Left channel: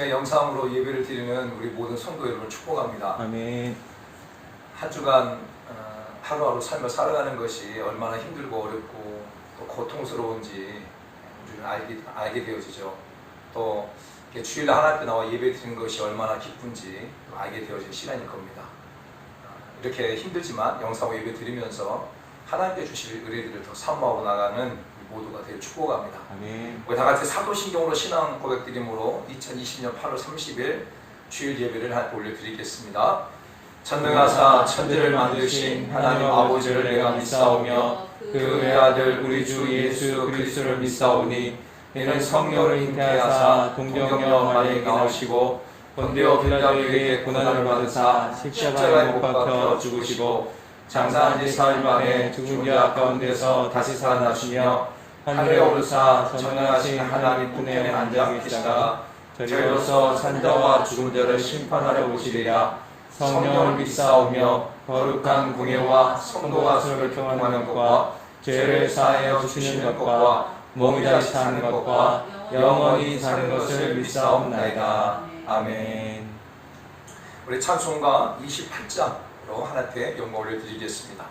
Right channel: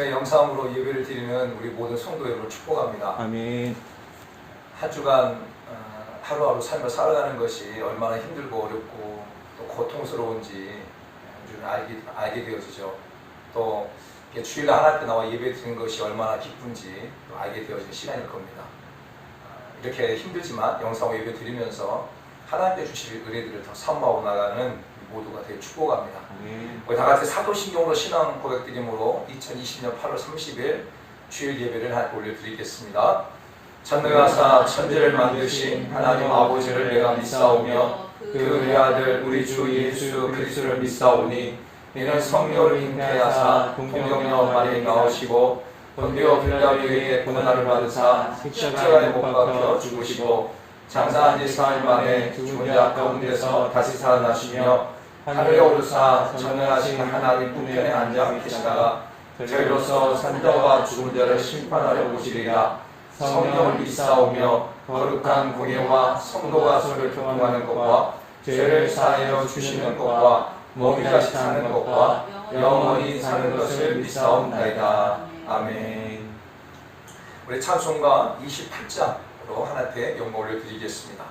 아침에 영상으로 예배를 드리는 우리 모든 성도 여러분을 축복합니다. 아멘. 한 주간 하루하루 삶을 살아가는 것이 얼마나 힘들고 어렵고 또 고통스러운지 알게 되어지죠. 또 주일날 하나 때 나와 예배 드리는 것이 얼마나 기쁜지 또 알게 되어진 시간일 겁니다. 이렇게 힘들지만 영상으로 예배 드리면서 하나님께 주실 은혜들을 더 사모하고 나가는 모두가 되게 축복합니다. 우리 다 같이 사도신경으로 신앙 고백 드림으로 2020년 8월 30일 주일 예배를 하나님께 올려드리겠습니다. 전능하사 천지를 만드신 하나님 아버지를 내가 믿사오며 그 외아들 우리 주 예수 그리스도를 믿사오니 이는 성령을 잉태하사 동정녀 마리에 나오시고 본디오 빌라도에게 고난을 받으사 십자가에 못 박혀 죽으시고 장사한 지 4일 만에 죽은 자 가운데서 다시 살아나시며 하늘에 오르사 전능하신 하나님 우편에 앉아 계시다가 저희로서 산자와 죽은 자를 심판하러 오시리라. 성령을 믿사오며 거룩한 공예와 성도가 서로 교통하는 것과 죄를 사하여 주시는 것과 몸이 다시 사는 것과 영원히 사는 것을 믿사옵나이다. 아멘. 우리 찬송가 28장으로 하나님께 영광을 올려드리겠습니다.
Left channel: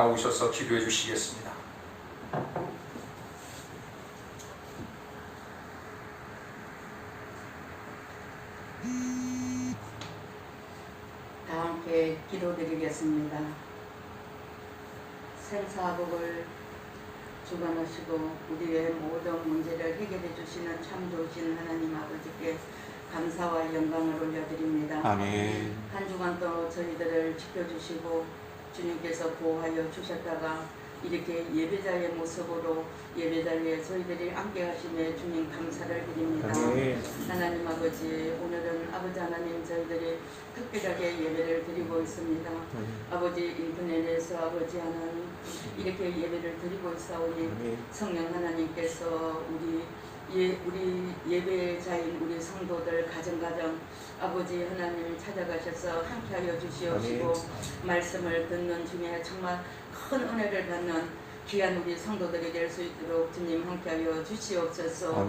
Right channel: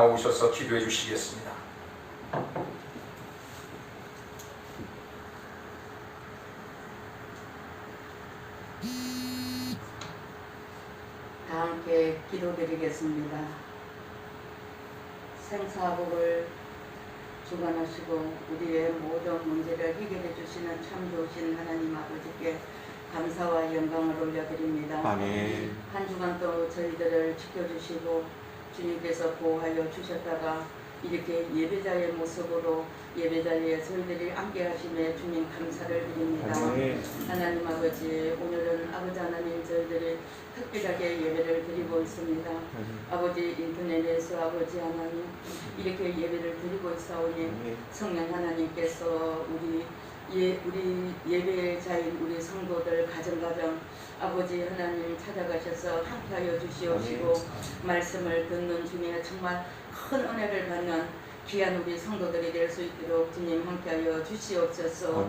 나오셔서 기도해 주시겠습니다. 다 함께 기도드리겠습니다. 생사복을 주관하시고 우리의 모든 문제를 해결해 주시는 참 좋으신 하나님 아버지께 감사와 영광을 올려드립니다. 아멘. 한 주간 또 저희들을 지켜주시고 주님께서 보호하여 주셨다가 이렇게 예배자의 모습으로 예배자리에 저희들이 함께 하심에 주님 감사를 드립니다. 아멘. 하나님 아버지, 오늘은 아버지 하나님 저희들이 특별하게 예배를 드리고 있습니다. 아버지 인터넷에서 아버지 하나님 이렇게 예배를 드리고 있사오니 성령 하나님께서 우리 예배자인 우리 성도들 가정가정 아버지 하나님 찾아가셔서 함께하여 주시옵시고 말씀을 듣는 중에 정말 큰 은혜를 받는 귀한 우리 성도들이 될 수 있도록 주님 함께하여 주시옵소서.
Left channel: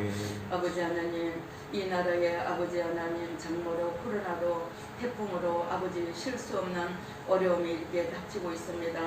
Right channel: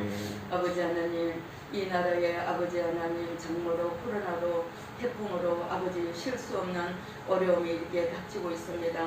아버지 하나님 이 나라에 아버지 하나님 장모로 코로나로 태풍으로 아버지 쉴 수 없는 어려움이 이렇게 닥치고 있습니다.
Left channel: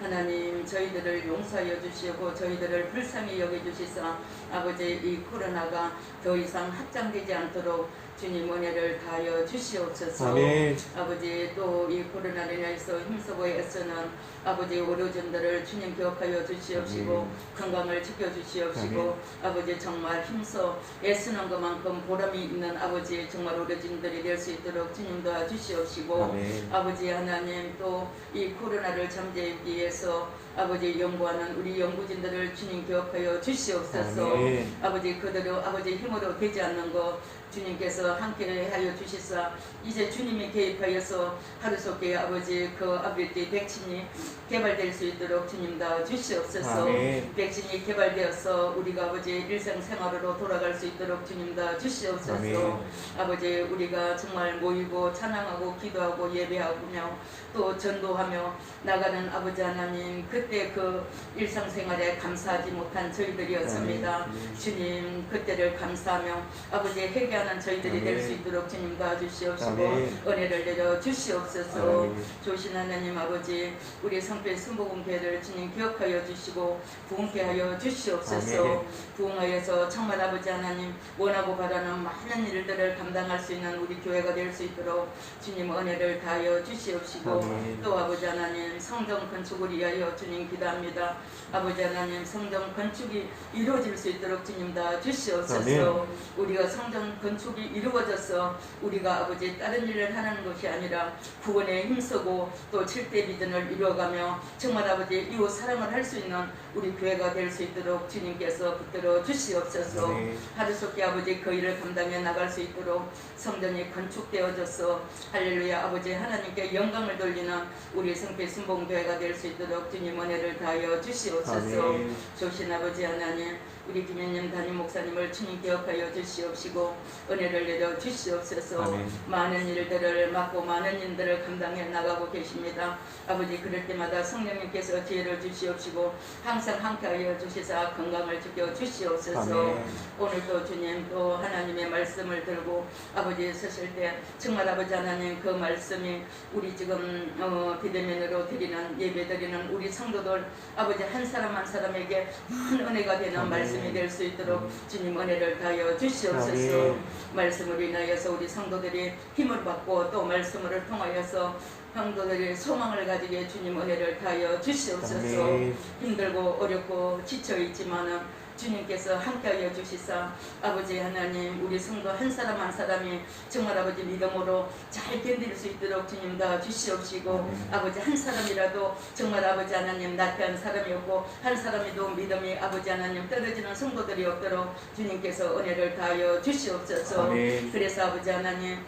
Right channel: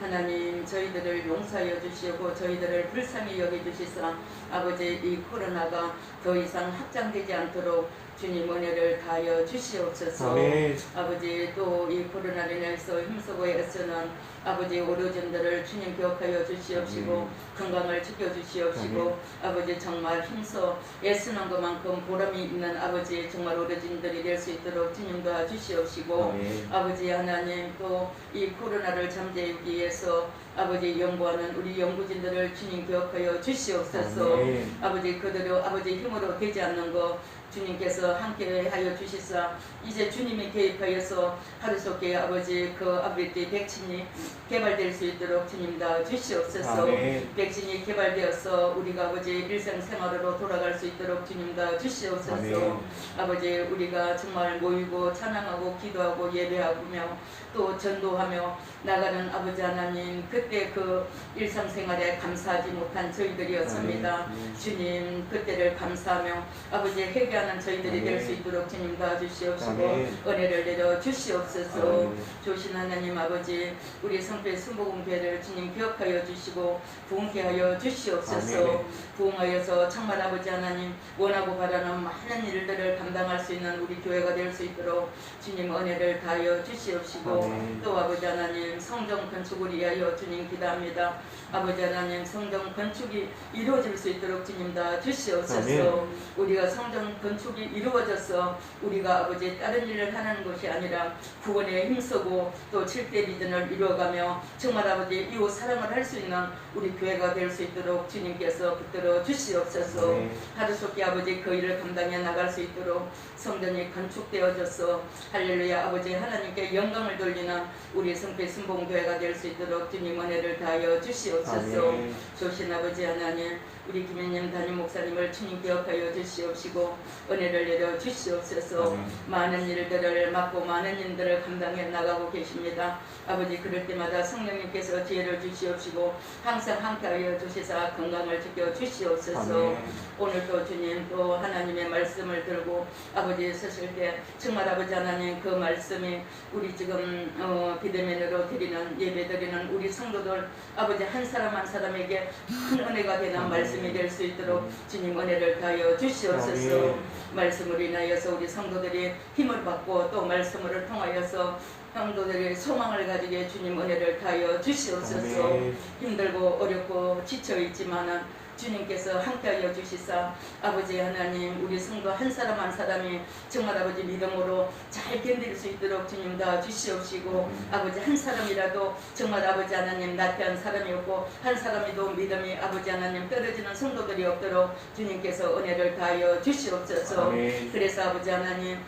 하나님 저희들을 용서하여 주시고 저희들을 불쌍히 여겨주시사 아버지 이 코로나가 더 이상 확장되지 않도록 주님 은혜를 다하여 주시옵소서. 아멘. 아버지 또 이 코로나로 인해서 힘쓰고 애쓰는 아버지 의료진들을 주님 기억하여 주시옵시고 건강을 지켜주시옵시고 아버지 정말 힘써 애쓰는 것만큼 보람이 있는 아버지 정말 의료진들이 될 수 있도록 주님 도와주시옵시고 아버지 하나님 또 이 코로나를 잠재우기 위해서 아버지 연구하는 우리 연구진들을 주님 기억하여 주시옵소서. 아버지 그대로 아버지 힘으로 되지 않는 것 주님께서 함께하여 주시사 이제 주님이 개입하여서 하루속에 아버지 그 아버지 백신이 개발될 수 있도록 주님 다 주시옵소서. 백신이 개발되어서 우리가 아버지 일상생활으로 돌아갈 수 있도록 주님 다 주시옵소서. 아버지 우리가 정말 모이고 찬양하고 기도하고 예배하며 또 전도하며 나가는 아버지 하나님 그때 그 일상생활에 감사하지 못한 저희들이었습니다. 주님 그때를 감사하며 아버지 회개하는 저희들이 될 수 있도록 주님 도와주시옵시고 은혜를 내려 주시옵소서. 조신 하나님 아버지 우리 성필 순복음교회를 주님 기억하여 주시고 부흥케 하여 주시옵소서. 부흥하여서 정말 아버지 하나님 원하고 바라는 많은 일들을 감당할 수 있는 우리 교회가 될 수 있도록 주님 은혜를 다하여 주시옵시고 또 아버지 하나님 성전 건축을 위하여 주님 기도합니다. 아버지 하나님 성전 건축이 이루어질 수 있도록 주님 다 주시옵소서. 우리가 성전 건축이 이루어져서 우리가 아버지 다른 일을 하는 것이 아니라 구원에 힘쓰고 또 7대 비전을 이루어가며 정말 아버지 이웃 사랑을 할 수 있는 우리 교회가 될 수 있도록 주님께서 붙들어 주시옵소서. 하루속히 아버지 그 일을 감당해 나갈 수 있도록 성전이 건축되어져서 할렐루야 아버지 하나님께 영광을 돌리는 우리 성필 순복음교회가 될 수 있도록 주님 은혜를 다하여 주시옵소서. 조신 아버지 하나님 우리 김현님 담임 목사님을 주님 기억하여 주시옵시고 은혜를 내려 주시옵소서. 많은 일들을 맡고 많은 일들을 감당해 나가고 계십니다. 아버지 그럴 때마다 성령님께서 지혜를 주시옵시고 항상 함께하여 주시사 건강을 지켜 주시옵소서. 오늘도 주님 또 하나님의 말씀을 들고 아버지 서실 때 정말 아버지 하나님 그 말씀이 우리 지금 비대면으로 드리는 예배 드리는 우리 성도들 아버지 한 사람 한 사람에게 큰 은혜가 되는 말씀이 될 수 있도록 주님 은혜를 다하여 주시옵소서. 말씀으로 인하여서 우리 성도들이 힘을 받고 또 말씀을 통하여서 성도들의 소망을 가지게 주님 은혜를 다하여 주시옵소서. 힘들고 어렵고 지쳐있지만은 주님께서 함께하여 주시사 아버지 하나님 우리 성도 한 사람 한 사람이 정말 아버지 믿음으로 잘 견딜 수 있도록 주님 다 주시옵시고 아버지 한 사람이라도 정말 아버지 하나님 나태한 사람이 없고 한 사람이도 믿음이 아버지 하나님 떨어지는 성도들이 없도록 주님께서 은혜를 다하여 주시옵소서. 그래서 아버지 하나님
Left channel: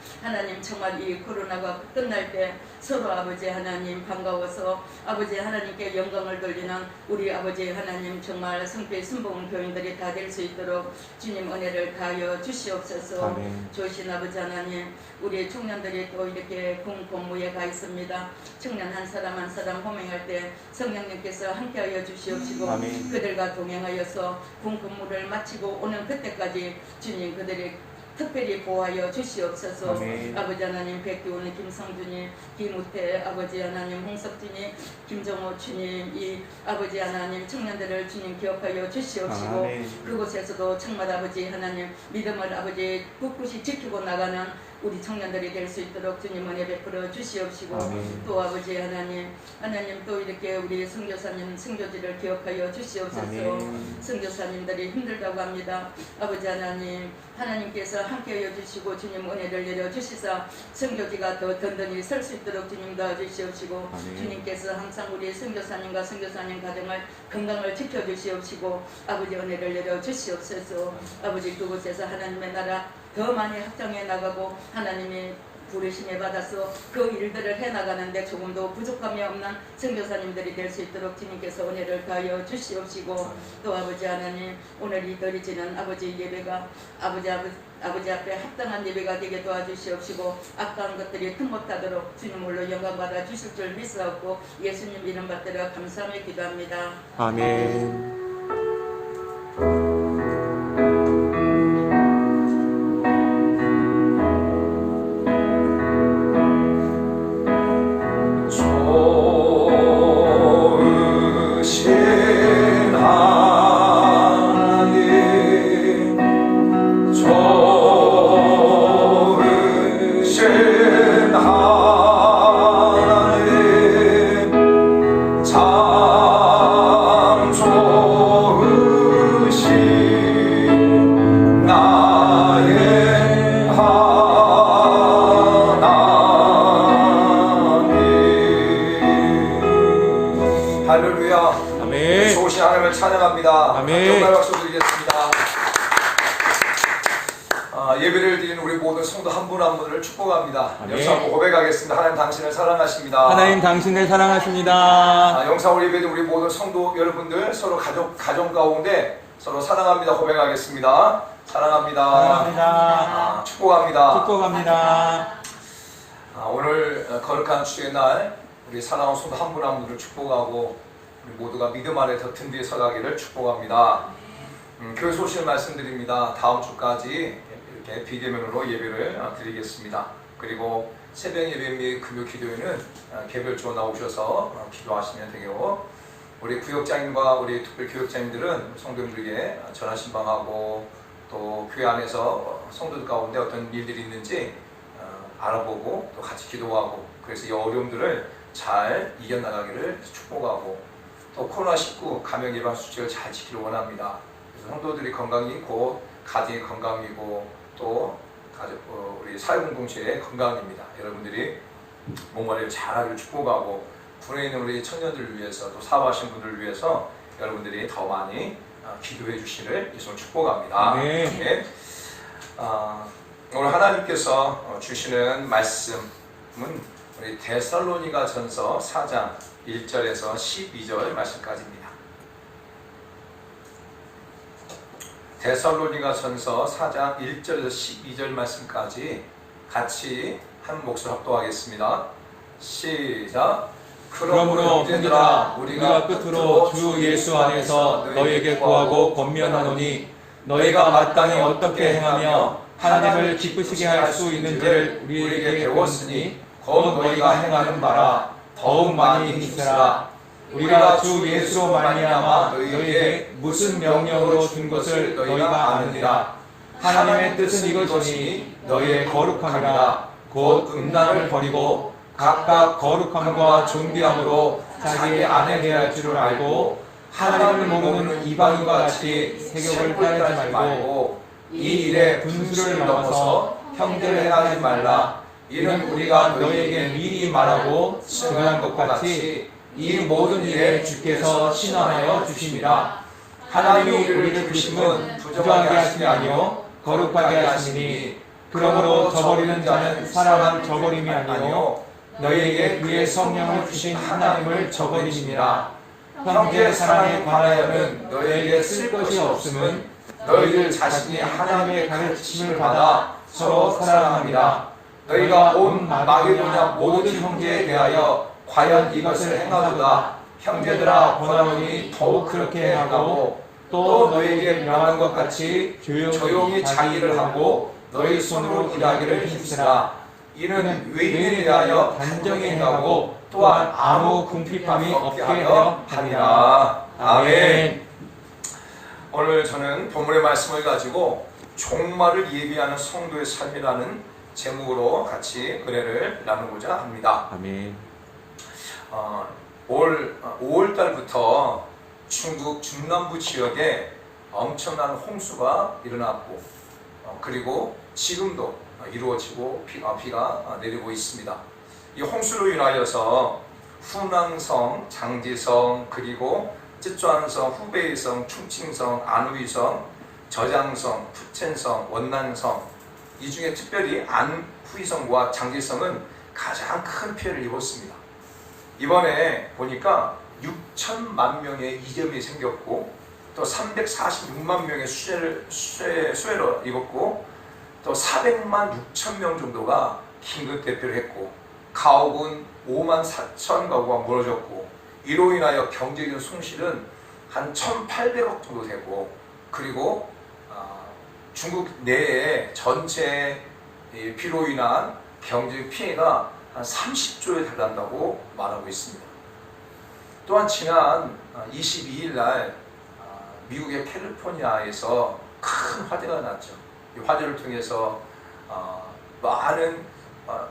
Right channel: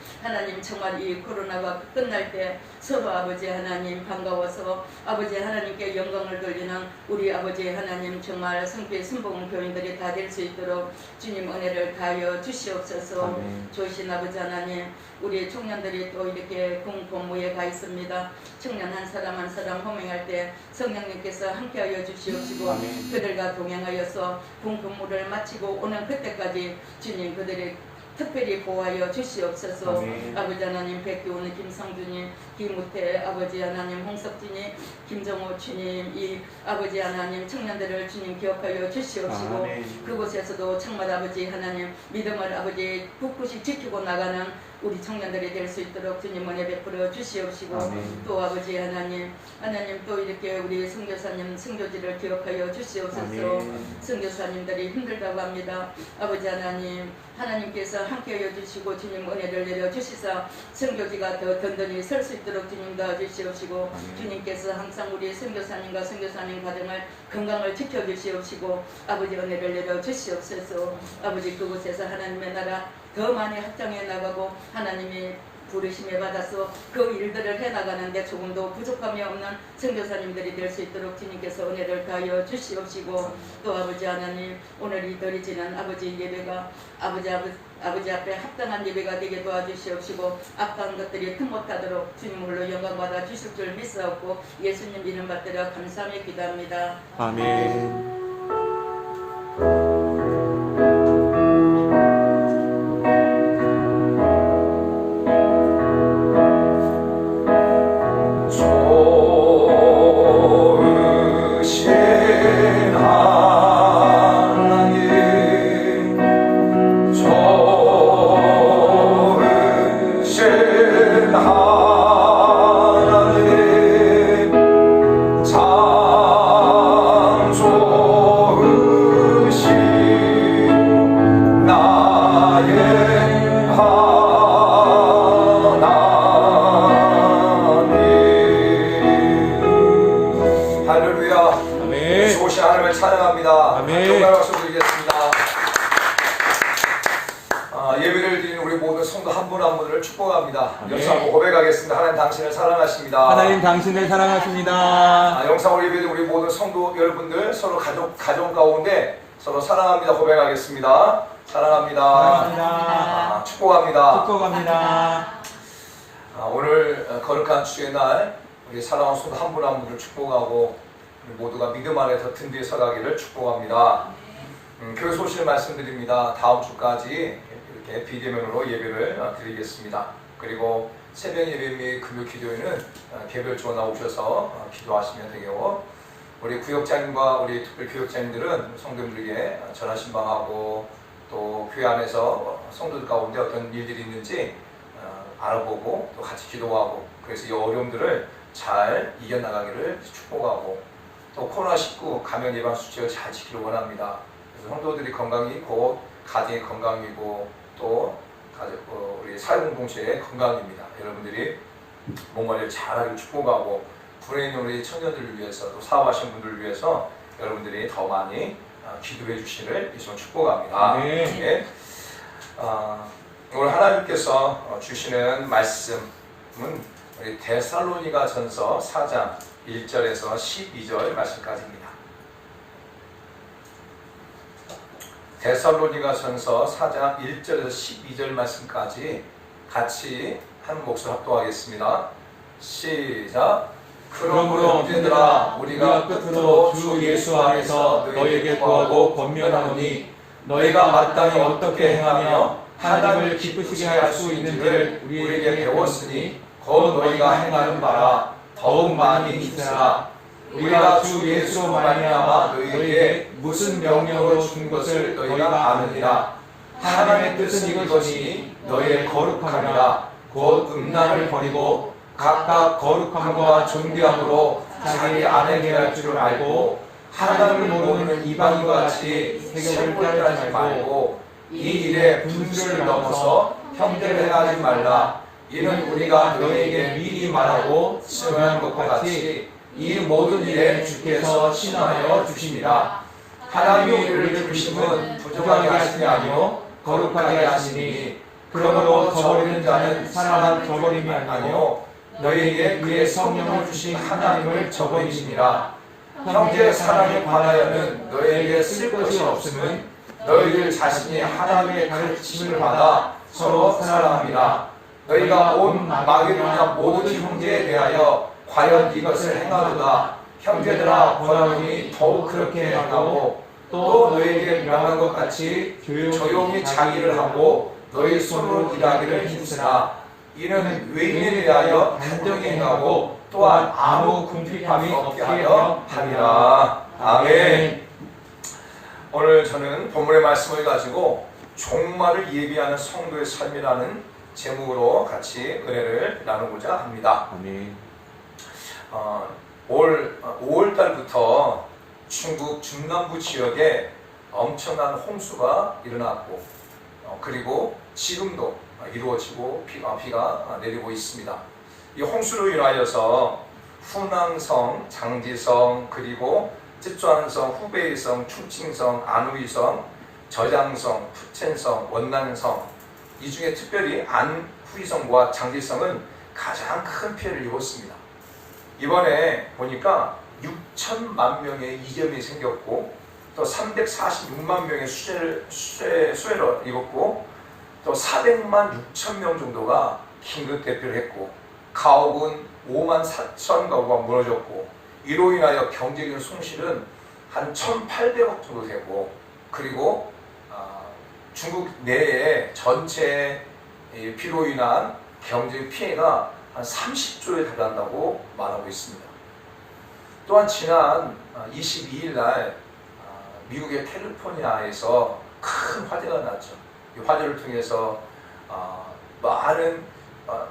정말 이 코로나가 끝날 때 서로 아버지 하나님 반가워서 아버지 하나님께 영광을 돌리는 우리 아버지 하나님 정말 성필 순복음 교인들이 다 될 수 있도록 주님 은혜를 다하여 주시옵소서. 조신 아버지 하나님 우리 청년들이 또 이렇게 공복무에 가 있습니다. 청년 한 사람 한 사람 호명할 때 성령님께서 함께하여 주시옵시고 그들과 동행하여서 공복무를 마치고 오는 그때까지 주님 그들의 특별히 보호하여 주시옵소서. 아버지 하나님 백기호는 김성준이 김우태 아버지 하나님 홍석진이 김정호 주님 이 아버지 하나님 청년들을 주님 기억하여 주시옵시고 그곳에서도 정말 아버지 하나님 믿음을 아버지 굳굳이 지키고 나가는 우리 청년들이 될 수 있도록 주님 은혜 베풀어 주시옵시고 또 아버지 하나님 또 이렇게 우리 선교사님 선교지를 기억하여 주시옵소서. 선교사님들이 힘들다고 합니다. 아버지 하나님께서 함께하여 주시고 주님 은혜를 내려 주시사 선교지가 더 든든히 설 수 있도록 주님 도와주시옵시고 주님께서 항상 우리 선교사님과 선교사님 가정을 건강을 지켜주시옵시고 아버지 은혜를 내려 주시옵소서. 아버지 그곳에서 하나님의 나라 더 많이 확장해 나가고 하나님의 부르심에 받아서 그 일들을 해나가는데 조금도 부족함이 없는 선교사님들이 될 수 있도록 주님께서 은혜를 다하여 주시옵시고 또 아버지 하나님 오늘 이 드리지는 아버지 예배가 아버지 앞에 합당한 예배가 되게 도와주시옵시고 악한 것들이 틈못하도록 주님 홀로 영광받아 주실 줄 믿사옵고 예수님 이름 받들어 감사하며 기도합니다. 아멘. 할렐루야. 아멘. 좋으신 하나님을 찬양합니다. 아멘. 정말 박수 드리겠습니다. 예배를 드리는 우리 모든 성도 한 분 한 분을 축복합니다. 아멘. 영상 고백하겠습니다. 하나님 당신을 사랑하십니다. 하나님 당신을 사랑하십니다. 영상으로 예배드린 우리 모든 성도 여러분들 서로 가정 가운데 서로 사랑합니다. 고백하겠습니다. 사랑합니다. 사랑합니다. 축복합니다. 축복합니다. 오늘 거룩한 주의 날 우리 사랑하는 성도 한 분 한 분을 축복하고 우리 모두가 믿음 안에 더 든든히 서가기를 축복합니다. 교회 소식을 말씀드립니다. 다음 주까지 이렇게 비대면으로 예배를 드리겠습니다. 그리고 새벽 예배 및 금요 기도회는 개별적으로 나오셔서 기도하시면 되고, 우리 구역장님과 우리 특별 교역장님들은 성도들에게 전화 신방하고 또 교회 안에서 성도들 가운데 어떤 일들이 있는지 알아보고 또 같이 기도하고, 그래서 이 어려움들을 잘 이겨나가기를 축복하고, 또 코로나19 감염 예방 수칙을 잘 지키길 원합니다. 그래서 성도들이 건강이고 가정이 건강이고 또 우리 사회공동체의 건강입니다. 여러분들이 몸관리를 잘하길 축복하고, 군에 있는 우리 청년들을 위해서 또 사업하시는 분들을 위해서 여러분들이 더 많이 기도해 주시를 예수님을 축복합니다. 네. 오늘 하나님께서 주시는 말씀은 우리 데살로니가 전서 4장 1절에서 12절 말씀까지입니다. 데살로니가 전서 4장 1절에서 12절 말씀까지 같이 한 목소리 합독하겠습니다. 시작. 그러므로 형제들아, 우리가 끝으로 주 예수 안에서 너에게 구하고 권면하노니, 너희가 마땅히 어떻게 행하며 하나님을 기쁘시게 할 수 있는지를 우리에게 배웠으니 곧 너희가 행하는 바라 더욱 많이 힘쓰라. 우리가 주 예수로 말미암아 너희에게 무슨 명령으로 준 것을 너희가 아느니라. 하나님의 뜻은 이것이니 너희의 거룩함이라. 곧 음란을 버리고 각각 거룩함과 존귀함으로 자기 아내 대할 줄을 알고, 하나님을 모르는 이방인과 같이 세격을 따르지 말고 이 일에 분수를 넘어서 형제를 행하지 말라. 이는 우리가 너희에게 미리 말하고 증언한 것과 같이 이 모든 일에 주께서 신원하여 주심이라. 하나님이 우리를 부르심은 부정하게 하심이 아니요 거룩하게 하시니, 그러므로 저버리는 자는 사람 저버림이 아니요 너희에게 그의 성령을 주신 하나님을 저버리시니라. 형제 사랑에 관하여는 너희에게 쓸 것이 없음은 너희들 자신이 하나님의 가르침을 받아 서로 사랑함이라. 너희가 온 마게도냐 모든 형제에 대하여 과연 이것을 행하도다. 형제들아, 권하노니 더욱 그렇게 행하고, 또 너희에게 명한 것 같이 조용히 자기를 하고 너희 손으로 일하기를 힘쓰라. 이는 외인에 대하여 단정히 행하고 또한 아무 궁핍함이 없게 하려 함이라. 아멘. 오늘 저는 본문의 말씀을 가지고 종말을 예비하는 성도의 삶이라는 제목으로 같이 은혜를 나누고자 합니다. 아멘. 올 5월달부터 중국 중남부 지역에 엄청난 홍수가 일어났고, 그리고 지금도 이루어지고 비가 내리고 있습니다. 이 홍수로 인하여서 후낭성, 장지성, 그리고 쯔촨성, 후베이성, 충칭성, 안후이성, 저장성, 푸첸성, 원난성, 이 중에 특별히 안후이성과 장지성은 가장 큰 피해를 입었습니다. 이번에 보니까 6천만 명의 이점이 생겼고, 또 346만 명의 수해를 입었고, 또 400만 6천 명 정도가 긴급 대피를 했고, 가옥은 5만 4천 가구가 무너졌고, 이로 인하여 경제적인 손실은 한 1,800억 정도 되고, 그리고 중국 내에 전체 비로 인한 경제 피해가 한 30조에 달한다고 말하고 있습니다. 또한 지난 22일 날 미국의 캘리포니아에서 큰 화재가 났죠. 이 화재를 통해서 많은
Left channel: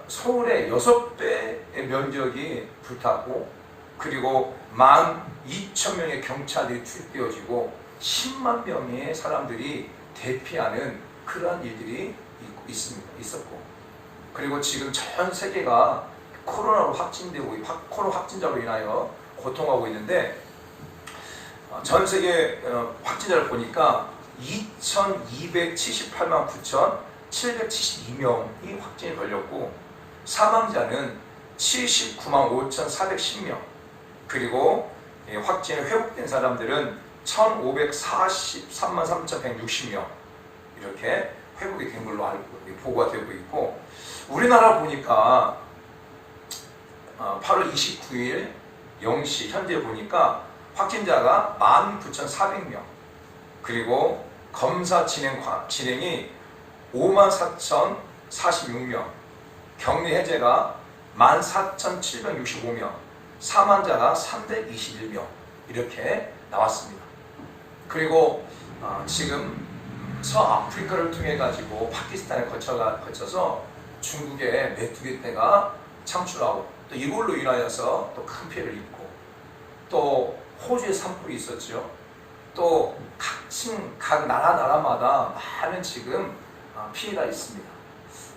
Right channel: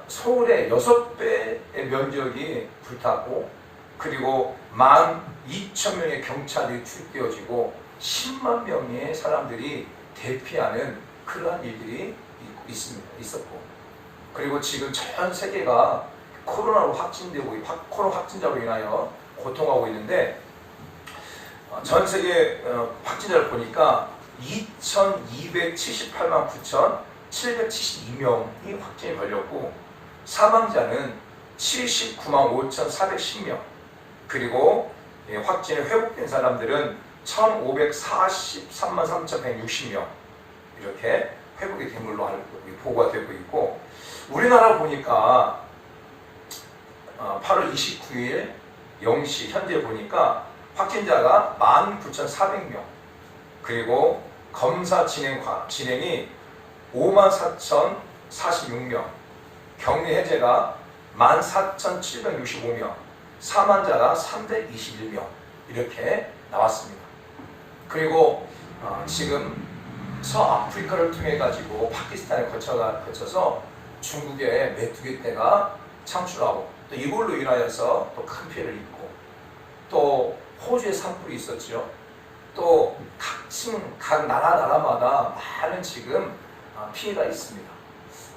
서울의 6배의 면적이 불탔고, 그리고 12,000명의 경찰이 투입되어지고 10만 명의 사람들이 대피하는 그러한 일들이 있었고, 그리고 지금 전 세계가 코로나로 확진되고, 코로나 확진자로 인하여 고통하고 있는데 전 세계 확진자를 보니까 2,278만 9,772명이 확진이 걸렸고 사망자는 79만 5,410명 그리고 확진이 회복된 사람들은 1,543만 3,160명 이렇게 회복이 된 걸로 보고가 되고 있고 우리나라 보니까 8월 29일 0시 현재 보니까 확진자가 19,400명 그리고 검사 진행이 54,046명 격리 해제가 14,765명 사망자가 321명 이렇게 나왔습니다. 그리고 지금 서아프리카를 통해 가지고 파키스탄에 거쳐서 중국의 메뚜기떼가 창출하고 또 이걸로 인하여서 또 큰 피해를 입고 또 호주에 산불이 있었죠. 또 각 나라마다 많은 지금 피해가 있습니다.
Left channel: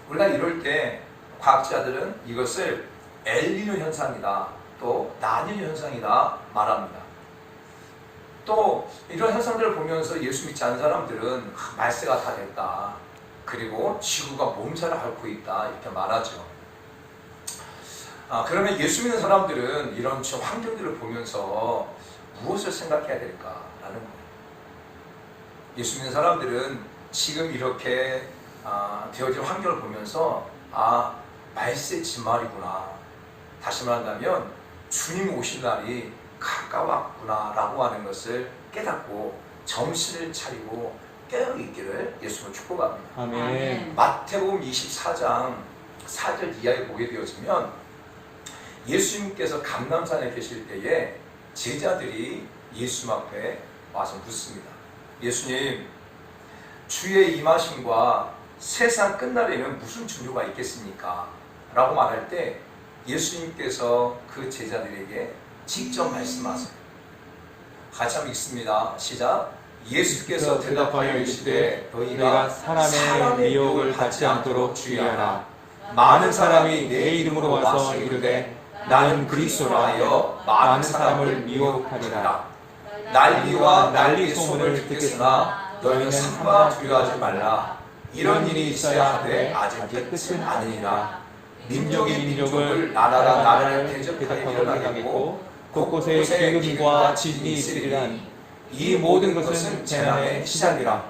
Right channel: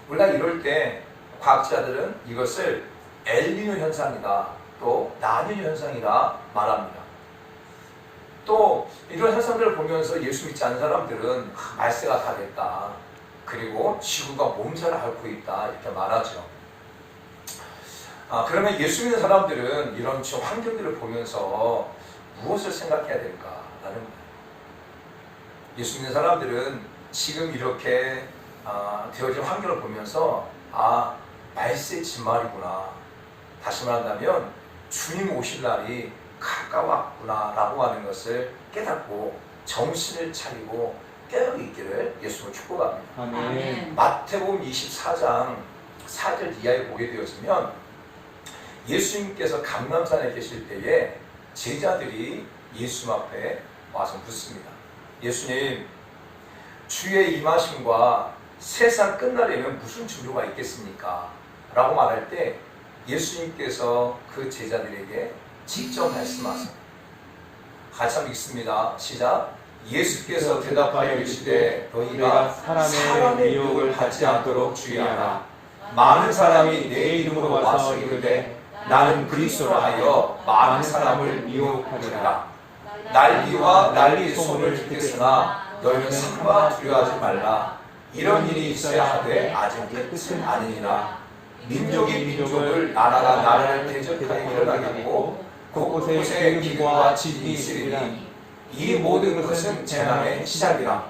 우리가 이럴 때 과학자들은 이것을 엘니뇨 현상이다, 또 라니뇨 현상이다 말합니다. 또 이런 현상들을 보면서 예수 믿지 않는 사람들은 말세가 다 됐다. 그리고 지구가 몸살을 앓고 있다. 이렇게 말하죠. 그러면 예수 믿는 사람들은 이런 환경들을 보면서 무엇을 생각해야 될까라는 거예요. 예수 믿는 사람들은 지금 이렇게 되어진 환경을 보면서 말세 진말이구나. 다시 말한다면 주님 오실 날이 가까웠구나 라고 하는 것을 깨닫고 정신을 차리고 깨어있기를 예수님을 축복합니다. 아멘. 마태복음 24장 4절 이하에 보게 되었으면 예수님께서 감람산에 계실 때에 제자들이 예수님 앞에 와서 묻습니다. 예수님, 주의 임하심과 세상 끝날에는 무슨 증거가 있겠습니까? 라고 말할 때 예수님께서 그 제자들에게 직접 말씀하세요. 같이 한번 읽습니다. 시작. 예수께서 대답하여 이르시되 너희가 사람의 미혹을 받지 않도록 주의하라. 많은 사람이 내 이름으로 와서 이르되 나는 그리스도라 하여 많은 사람을 미혹하리라. 난리와 난리 소문을 듣겠으나 너희는 상과 두려워하지 말라. 이런 일이 있어야 하되 아직 끝은 아니니라. 민족이 민족을 나라가 나라를 대적하여 일어나겠고 곳곳에 기근과 지진이 있으리니 이 모든 것은 재난의 시작이라.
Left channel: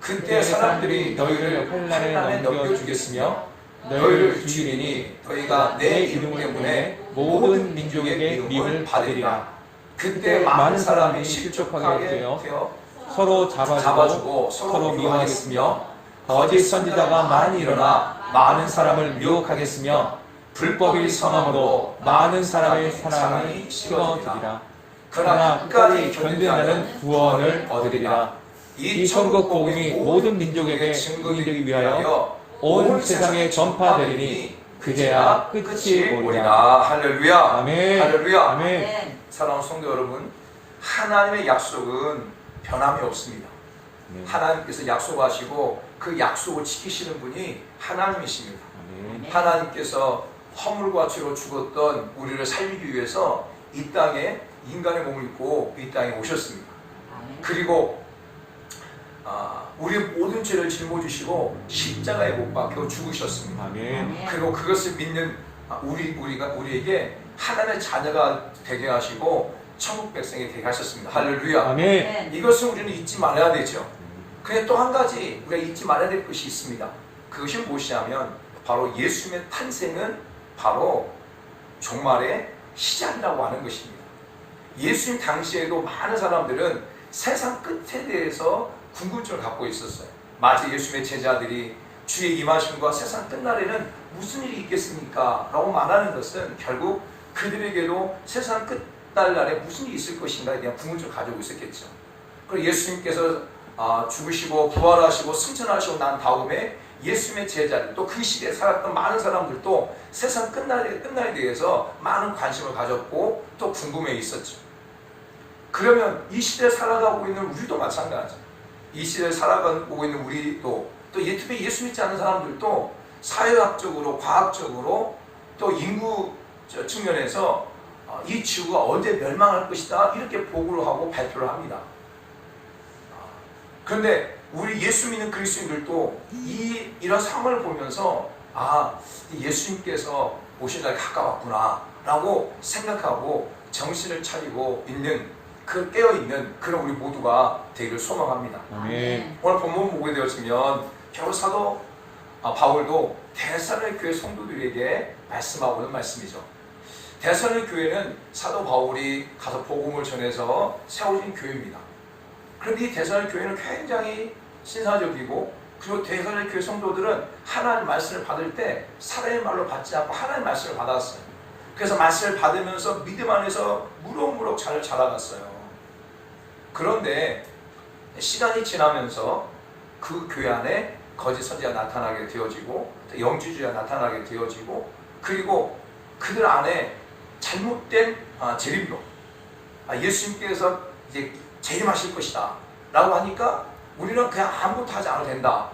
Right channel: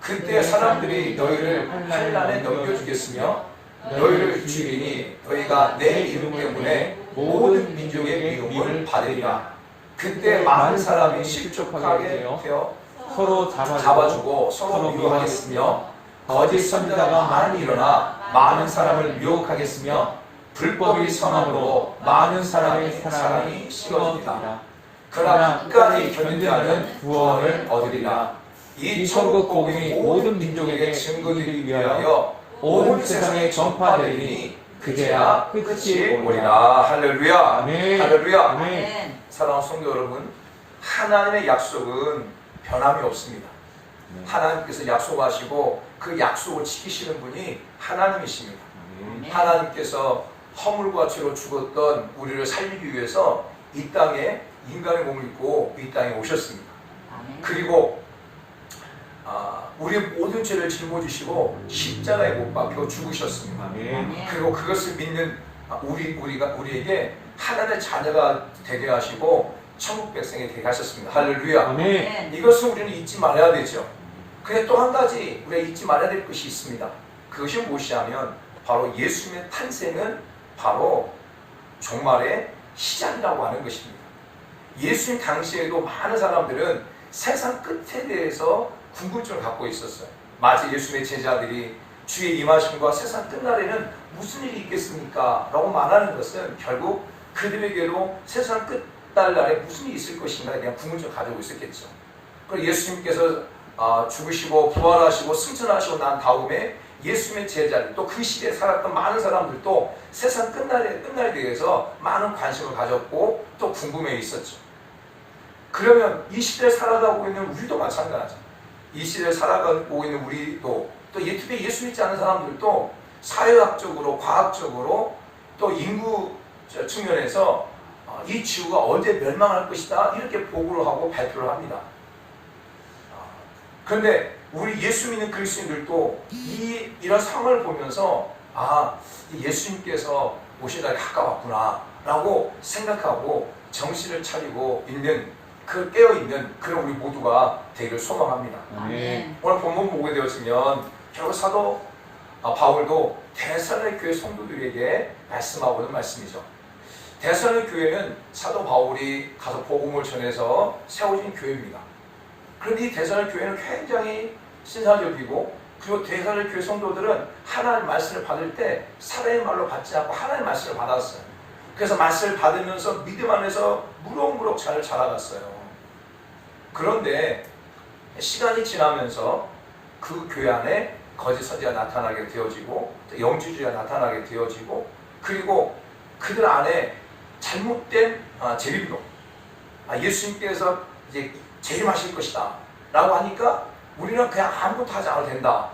그때 사람들이 너희를 환난에 넘겨주겠으며 너희를 죽이리니 너희가 내 이름 때문에 모든 민족의 미움을 받으리라. 그때 많은 사람이 실족하게 되어 서로 잡아주고 서로 미워하겠으며 거짓 선지자가 많이 일어나 많은 사람을 미혹하겠으며 불법의 선언으로 많은 사람의 사랑이 식어지리라. 그러나 끝까지 견디는 구원을 얻으리라. 이 천국 복음이 모든 민족에게 증거가 되기 위하여 온 세상에 전파되리니 그제야 끝이 오리라. 할렐루야. 아멘. 할렐루야. 아멘. 사랑하는 성도 여러분, 하나님의 약속은 변함이 없습니다. 하나님께서 약속하시고 그 약속을 지키시는 분이 하나님이십니다. 하나님께서 허물과 죄로 죽었던 우리를 살리기 위해서 이 땅에 인간의 몸을 입고 이 땅에 오셨습니다. 그리고 우리의 모든 죄를 짊어지시고 십자가에 못 박혀 죽으셨습니다. 아멘. 그리고 그것을 믿는 우리에게 하나님의 자녀가 되게 하시고 천국 백성이 되게 하셨습니다. 할렐루야. 아멘. 이것을 우리는 잊지 말아야 되죠. 근데 또 한 가지 우리가 잊지 말아야 될 것이 있습니다. 그것이 무엇이냐면 바로 예수님의 탄생은 바로 종말의 시작이라고 하는 것입니다. 예수님 당시에도 많은 사람들은 세상 끝에 대해서 궁금증을 갖고 있었어요. 마치 예수님의 제자들이 주의 임하심과 세상 끝날에는 무슨 일이 있겠습니까? 라고 말하는 것은 결국 그들에게도 세상 끝날에 무슨 일이 있을 것인가에 대한 궁금증을 가지고 있었겠죠. 그리고 예수님께서 죽으시고 부활하시고 승천하시고 난 다음에 예수님의 제자들 또 그 시대에 살았던 많은 사람들도 세상 끝날에 대해서 많은 관심을 가졌고 또 궁금해 있었죠. 그러면 이 시대에 살아가고 있는 우리도 마찬가지죠. 이 시대에 살아가고 있는 우리도 또 특히 예수 믿지 않는 사람들도 사회학적으로 과학적으로 또 인구 측면에서 이 지구가 언제 멸망할 것이다 이렇게 보고를 하고 발표를 합니다. 그런데 우리 예수 믿는 그리스도인들도 이런 상황을 보면서 예수님께서 오신 날이 가까웠구나 라고 생각하고 정신을 차리고 있는 깨어있는 그런 우리 모두가 되기를 소망합니다. 아멘. 오늘 본문 보게 되었으면 결국 사도 바울도 데살로니가 교회 성도들에게 말씀하고 있는 말씀이죠. 데살로니가 교회는 사도 바울이 가서 복음을 전해서 세워진 교회입니다. 그런데 이 데살로니가 교회는 굉장히 신사적이고 그리고 데살로니가 교회 성도들은 하나님 말씀을 받을 때 사람의 말로 받지 않고 하나님 말씀을 받았어요. 그래서 말씀을 받으면서 믿음 안에서 무럭무럭 잘 자라갔어요. 그런데 시간이 지나면서 그 교회 안에 거짓 선지자가 나타나게 되어지고 영주주의가 나타나게 되어지고 그리고 그들 안에 잘못된 재림론 예수님께서 이제 재림하실 것이다 라고 하니까 우리는 그냥 아무것도 하지 않아도 된다.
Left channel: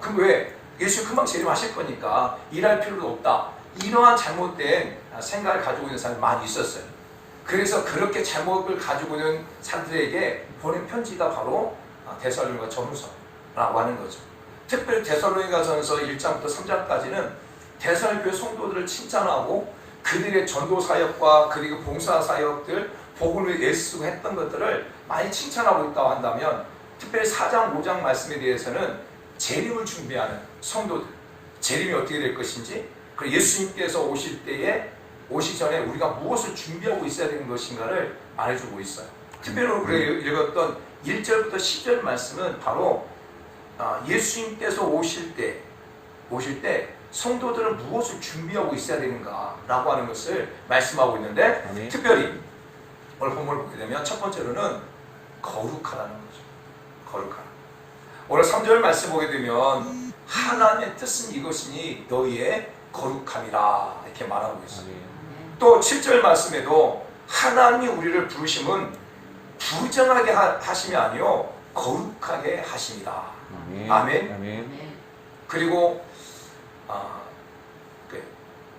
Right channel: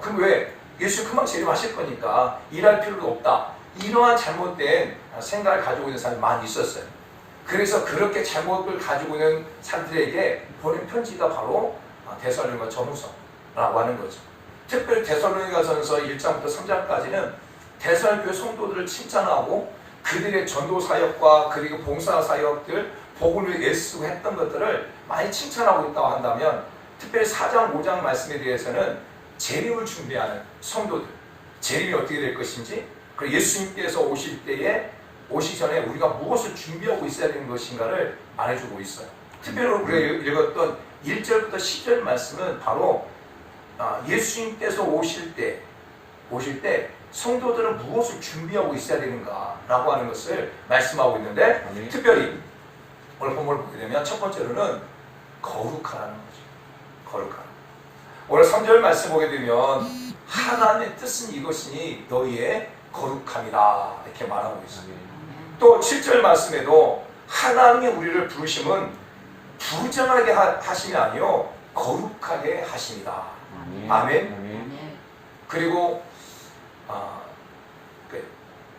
그럼 왜? 예수 금방 재림하실 거니까 일할 필요도 없다. 이러한 잘못된 생각을 가지고 있는 사람이 많이 있었어요. 그래서 그렇게 잘못을 가지고 있는 사람들에게 보낸 편지가 바로 데살로니가 전후서라고 하는 거죠. 특별히 데살로니가 전서 1장부터 3장까지는 데살로니가 교회 성도들을 칭찬하고 그들의 전도 사역과 그리고 봉사 사역들, 복음을 애쓰고 했던 것들을 많이 칭찬하고 있다고 한다면 특별히 4장, 5장 말씀에 대해서는 재림을 준비하는 성도들, 재림이 어떻게 될 것인지 그리고 예수님께서 오시기 전에 우리가 무엇을 준비하고 있어야 되는 것인가를 말해주고 있어요. 특별히 우리가 읽었던 1절부터 10절 말씀은 바로 예수님께서 오실 때 성도들은 무엇을 준비하고 있어야 되는가라고 하는 것을 말씀하고 있는데 특별히 오늘 본문을 보게 되면 첫 번째로는 거룩하라는 거죠. 거룩한. 오늘 3절 말씀 보게 되면 하나님의 뜻은 이것이니 너희의 거룩함이라 이렇게 말하고 있어요. 또 7절 말씀에도 하나님이 우리를 부르심은 부정하게 하심이 아니요 거룩하게 하십니다. 아멘. 그리고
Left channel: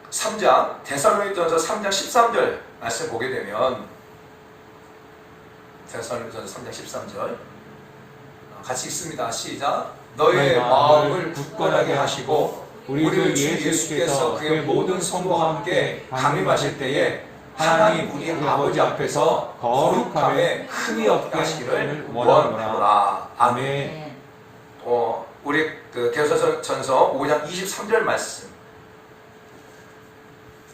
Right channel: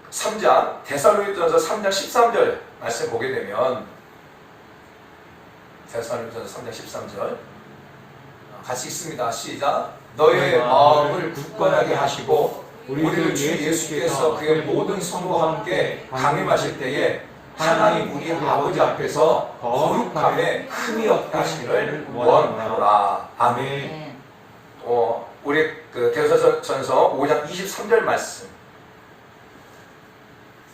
3장 데살로니가전서 3장 13절 말씀 보게 되면 데살로니가전서 3장 13절 같이 읽습니다. 시작. 너의 마음을 굳건하게 하시고 우리 주 예수께서 그의 모든 성도와 함께 강림하실 때에 하나님 우리 아버지 앞에서 거룩함에 흠이 없게 하시기를 원하노라. 아멘. 우리 데살로니가전서 5장 23절 말씀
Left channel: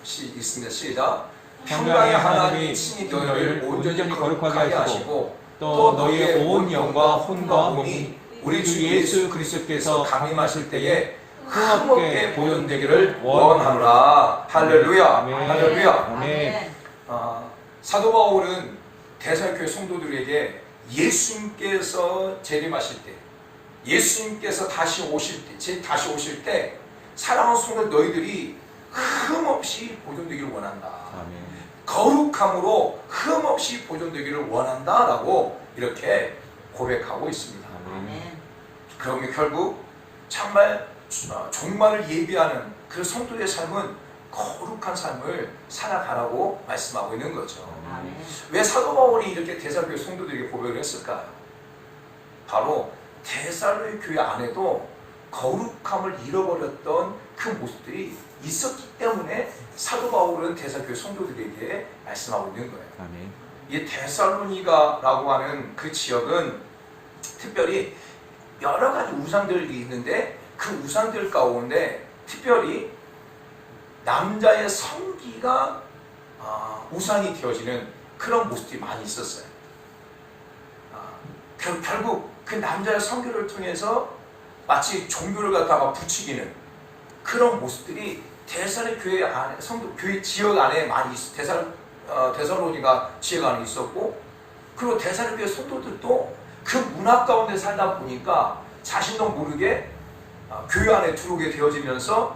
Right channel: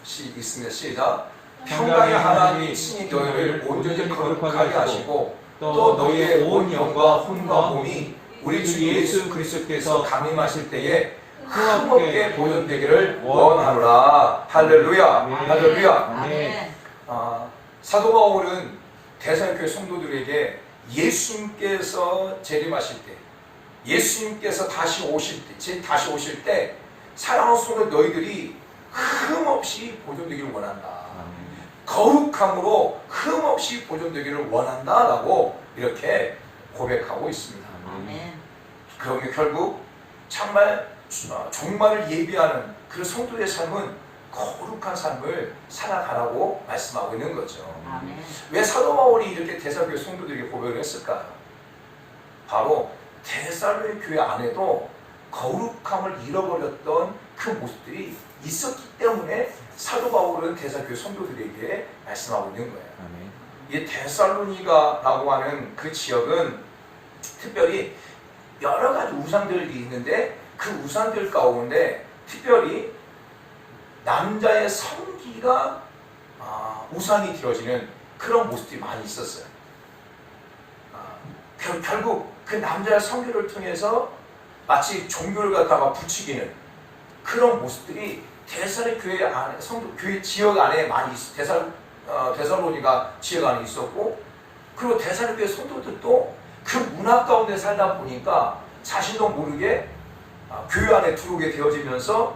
있습니다. 시작. 평강의 하나님이 친히 너희를 온전히 거룩하게 하시고 또 너희의 온 영과 혼과 몸이 우리 주 예수 그리스도께서 강림하실 때에 흠없게 보존되기를 원하노라. 할렐루야. 할렐루야. 아멘. 사도 바울은 데살로니가 교회 성도들에게 예수님께서 재림하실 때, 예수님께서 다시 오실 때 사랑하는 성도 너희들이 흠없이 보존되기를 원한다. 거룩함으로 흠없이 보존되기를 원한다라고 이렇게 고백하고 있습니다. 그러면 결국 정말 종말을 예비하는 그 성도의 삶은 거룩한 삶을 살아가라고 말씀하고 있는 거죠. 왜 사도 바울이 이렇게 데살로니가 성도들에게 고백을 했을까요? 바로 데살로니가 교회 안에도 거룩함을 잃어버렸던 그 모습들이 있었기 때문에 사도 바울은 데살로니가 교회 성도들에게 말씀하고 있는 거예요. 이 데살로니가라고 하는 그 지역은 특별히 여러 가지 우상들이 있는데 그 우상들 가운데 특별히 남자의 성기가 우상이 되어지는 그런 모습들이 많이 있었어요. 결국 그 남자의 성기를 통해서 마치 종교를 갖다가 부추기는 그런 모습들이 데살로니가 교회 안에 교회 지역 안에 많이 데살로니가 지역 안에 있었고 그리고 데살로니가 교회 성도들도 그 문화 가운데 살다 보니까 자신도 모르게 교회 안에 들어오게 되어지면서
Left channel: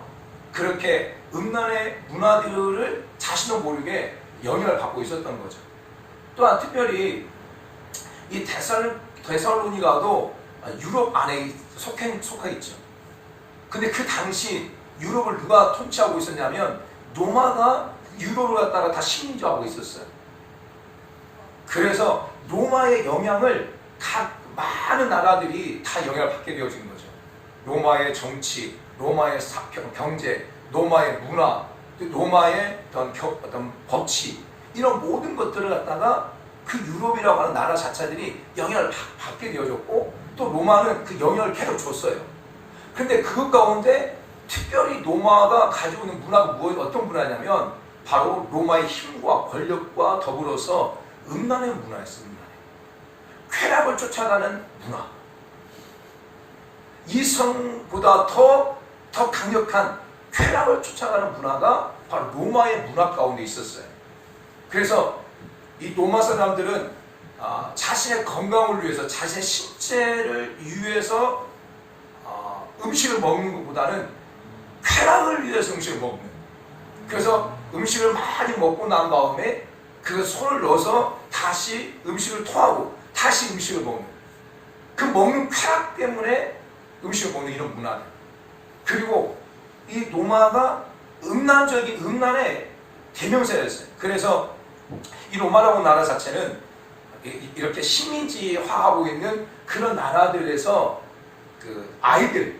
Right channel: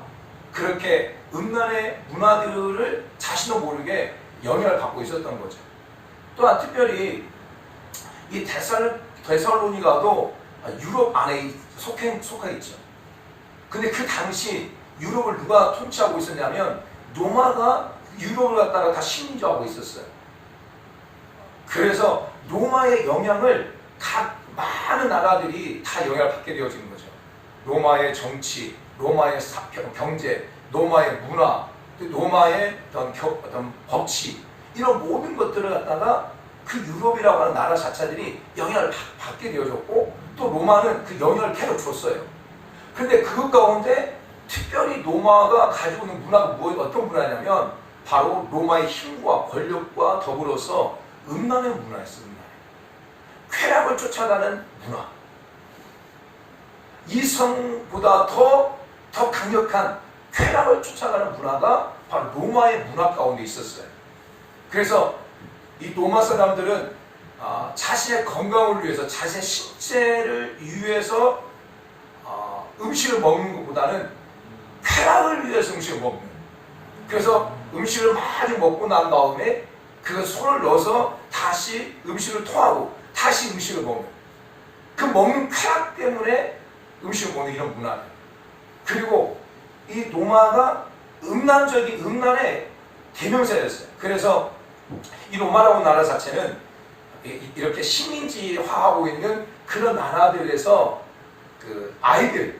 그렇게 음란의 문화들을 자신도 모르게 영향을 받고 있었던 거죠. 또한 특별히 이 데살로니가도 유럽 안에 속하 있죠. 근데 그 당시 유럽을 누가 통치하고 있었냐면 로마가 유럽을 갖다가 다 식민지하고 있었어요. 그래서 로마의 영향을 각 많은 나라들이 다 영향을 받게 되어진 거죠. 로마의 정치, 로마의 경제, 로마의 문화, 로마의 어떤 법치, 이런 모든 것들을 갖다가 그 유럽이라고 하는 나라 자체들이 영향을 받게 되어졌고, 또 로마는 그 영향을 계속 줬어요. 그런데 그 가운데 특별히 로마가 가지고 있는 문화가 어떤 문화냐면 바로 로마의 힘과 권력과 더불어서 음란의 문화였습니다. 쾌락을 쫓아가는 문화. 이성보다 더 강력한 쾌락을 쫓아가는 문화가 바로 로마의 문화 가운데 있었어요. 그래서 이 로마 사람들은 자신의 건강을 위해서, 자신의 신체를 위해서 음식을 먹는 것보다는 쾌락을 위해서 음식을 먹는. 그래서 음식을 많이 먹고 난 다음에 그 손을 넣어서 다시 음식을 토하고 다시 음식을 먹는, 그 먹는 쾌락 때문에 음식을 먹는 이런 문화예요. 그리고 이 로마가 음란의 대명사였어요. 그래서 이 로마라고 하는 나라 자체는 이렇게 식민지화하고 있는 그런 나라들에서 그 아이들,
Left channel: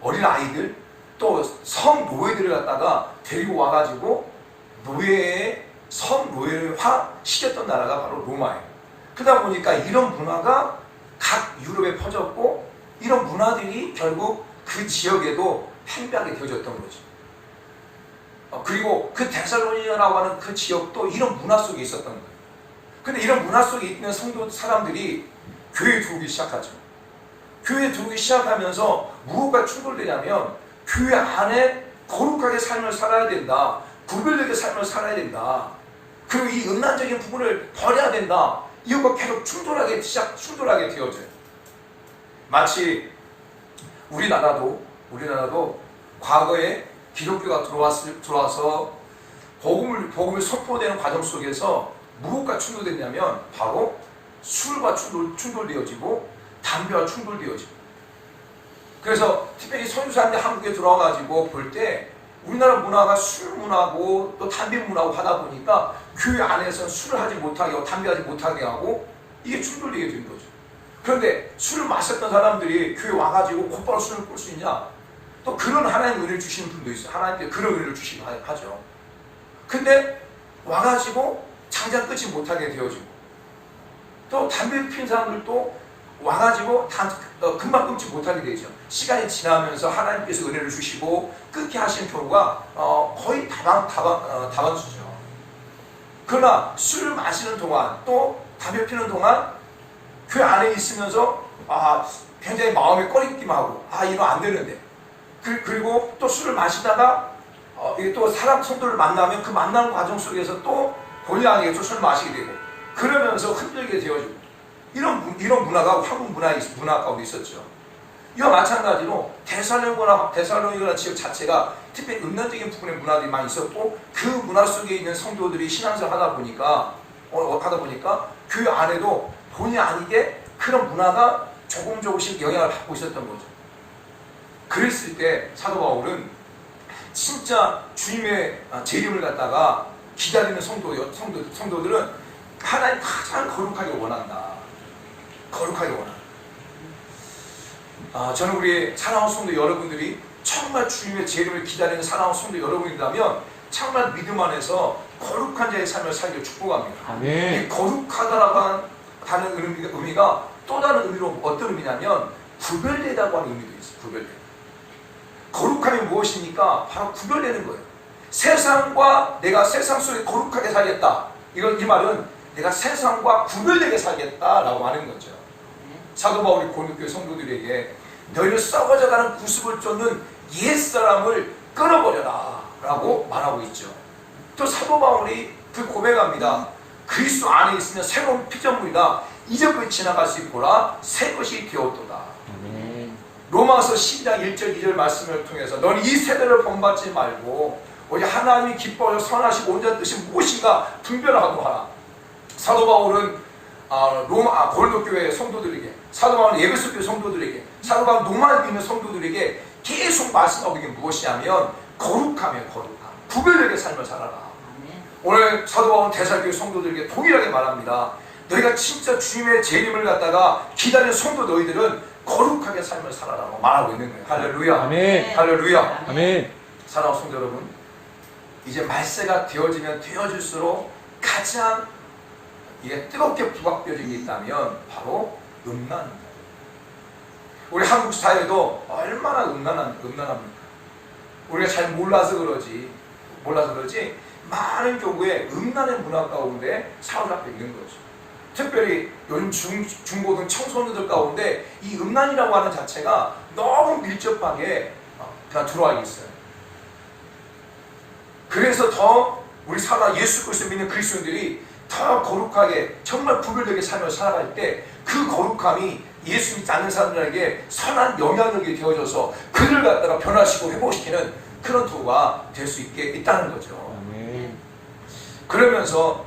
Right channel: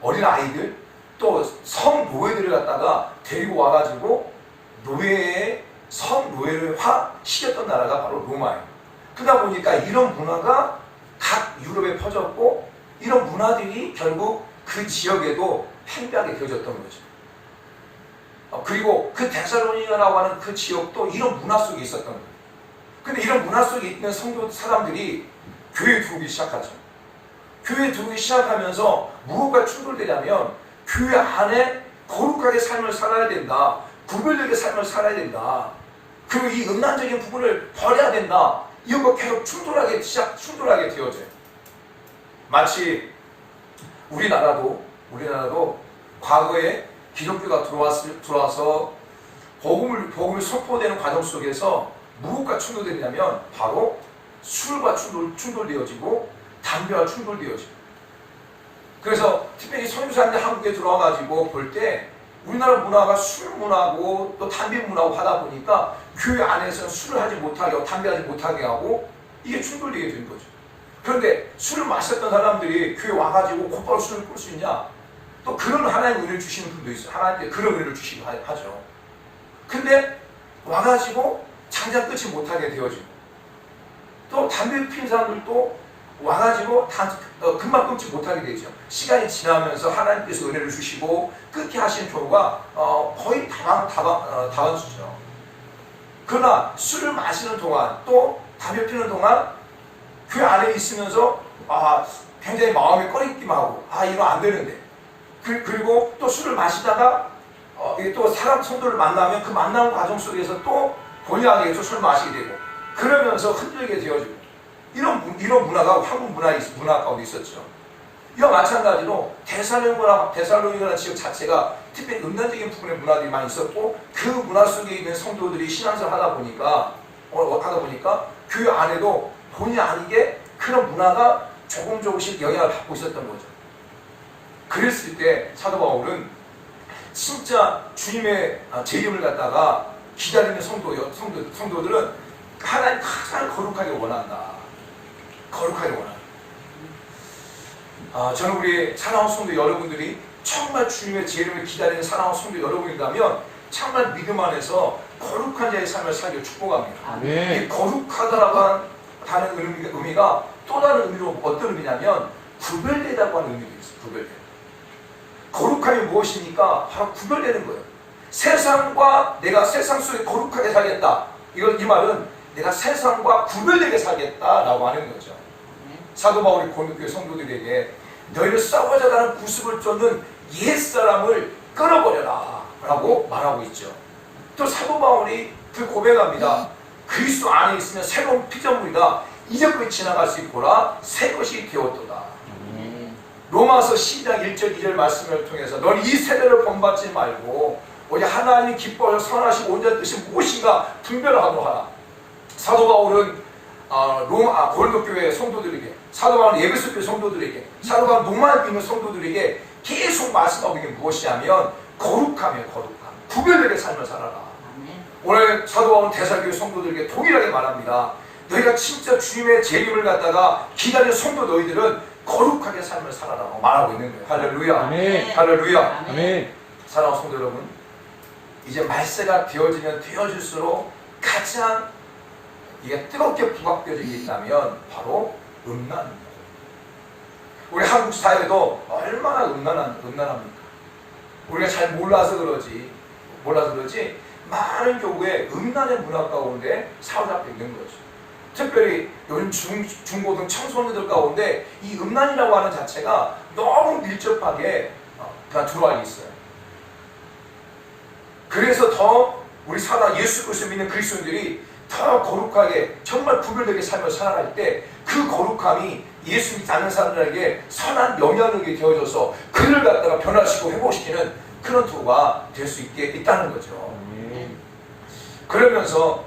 어린 아이들, 또 성노예들을 갖다가 데리고 와가지고 성노예화 시켰던 나라가 바로 로마예요. 그러다 보니까 이런 문화가 각 유럽에 퍼졌고, 이런 문화들이 결국 그 지역에도 팽배하게 되어졌던 거죠. 그리고 그 데살로니가라고 하는 그 지역도 이런 문화 속에 있었던 거예요. 근데 이런 문화 속에 있는 성도 사람들이 교회에 들어오기 시작하죠. 교회에 들어오기 시작하면서 무엇과 충돌되냐면 교회 안에 거룩하게 삶을 살아야 된다. 구별되게 삶을 살아야 된다. 그리고 이 음란적인 부분을 버려야 된다. 이것과 계속 충돌하게 되어져요. 마치 우리나라도 과거에 기독교가 들어와서 복음을 선포되는 과정 속에서 무엇과 충돌되냐면 바로 술과 충돌되어지고 담배와 충돌되어지고. 그래서 특별히 선교사님들 한국에 들어와가지고 볼 때 우리나라 문화가 술 문화고 또 담배 문화고 하다 보니까 교회 안에서는 술을 하지 못하게 하고 담배 하지 못하게 하고 이게 충돌되게 된 거죠. 그런데 술을 마셨던 사람들이 교회 와가지고 곧바로 술을 끌 수 있냐? 또 그런 하나님의 은혜를 주시는 분도 있어요. 하나님께 그런 은혜를 주시고 하죠. 근데 와가지고 장장 끊지 못하게 되어지고, 또 담배 피는 사람들도 와가지고 금방 끊지 못하게 되죠. 시간이 지나면서 하나님께서 은혜를 주시고 끊게 하시는 경우가 거의 다반수죠. 그러나 술을 마시는 동안 또 담배 피는 동안 그 안에 있으면서 굉장히 마음에 꺼리기만 하고 이거 안 되는데, 그리고 또 술을 마시다가 또 사람 성도를 만나면 그 만나는 과정 속에서 또 본의 아니게 또 술을 마시게 되고 그러면서 흔들게 되어지고, 이런 문화가 한국 문화 가운데 있었죠. 이와 마찬가지로 데살로니가라는 지역 자체가 특별히 음란적인 부분의 문화들이 많이 있었고, 그 문화 속에 있는 성도들이 신앙생활 하다 보니까 그 안에도 본의 아니게 그런 문화가 조금씩 영향을 받고 있었던 거죠. 그랬을 때 사도 바울은 진짜 주님의 재림을 갖다가 기다리는 성도들은 하나님 가장 거룩하게 원한다. 거룩하게 원한다. 저는 우리 사랑하는 성도 여러분들이 정말 주님의 재림을 기다리는 사랑하는 성도 여러분이라면 정말 믿음 안에서 거룩한 자의 삶을 살기를 축복합니다. 이 거룩하다라고 하는 의미가 또 다른 의미로 어떤 의미냐면 구별되다고 하는 의미도 있어요. 구별되다. 거룩함이 무엇입니까? 바로 구별되는 거예요. 세상과 내가 세상 속에 거룩하게 살겠다. 이 말은 내가 세상과 구별되게 살겠다라고 하는 거죠. 사도 바울이 고린도교회 성도들에게 너희를 썩어져가는 구습을 쫓는 옛사람을 끊어버려라 라고 말하고 있죠. 또 사도 바울이 그 고백합니다. 그리스도 안에 있으면 새로운 피조물이다. 이제껏 지나갈 수 있고라 새 것이 되었도다. 로마서 12장 1절 2절 말씀을 통해서 너는 이 세대를 본받지 말고 오직 하나님이 기뻐하여 선하시고 온전한 뜻이 무엇인가 분별하도다. 사도 바울은 고린도 교회 성도들에게, 사도 바울은 에베소 교회 성도들에게, 사도 바울은 로마에 있는 성도들에게 계속 말씀하고 있는 게 무엇이냐면 거룩함, 구별되게 삶을 살아라. 오늘 사도 바울은 대사교회 성도들에게 동일하게 말합니다. 너희가 진짜 주님의 재림을 갖다가 기다리는 성도 너희들은 거룩하게 삶을 살아라고 말하고 있는 거예요. 할렐루야. 아멘. 할렐루야. 아멘. 사랑하는 성도 여러분, 이제 말세가 되어지면 되어질수록 가장 이게 뜨겁게 부각되어진 게 있다면 바로 음란입니다. 우리 한국 사회도 얼마나 음란합니까? 우리가 잘 몰라서 그러지 많은 교회에 음란의 문화 가운데 사로잡혀 있는 거죠. 특별히 요즘 중고등 청소년들 가운데 이 음란이라고 하는 자체가 너무 밀접하게 그냥 들어와 있어요. 그래서 더 우리 예수 그리스도 믿는 그리스도인들이 더 거룩하게 정말 구별되게 삶을 살아갈 때 그 거룩함이 예수 믿지 않는 사람들에게 선한 영향력이 되어져서 그를 갖다가 변화시키고 회복시키는 그런 도가 될 수 있다는 거죠. 그러면서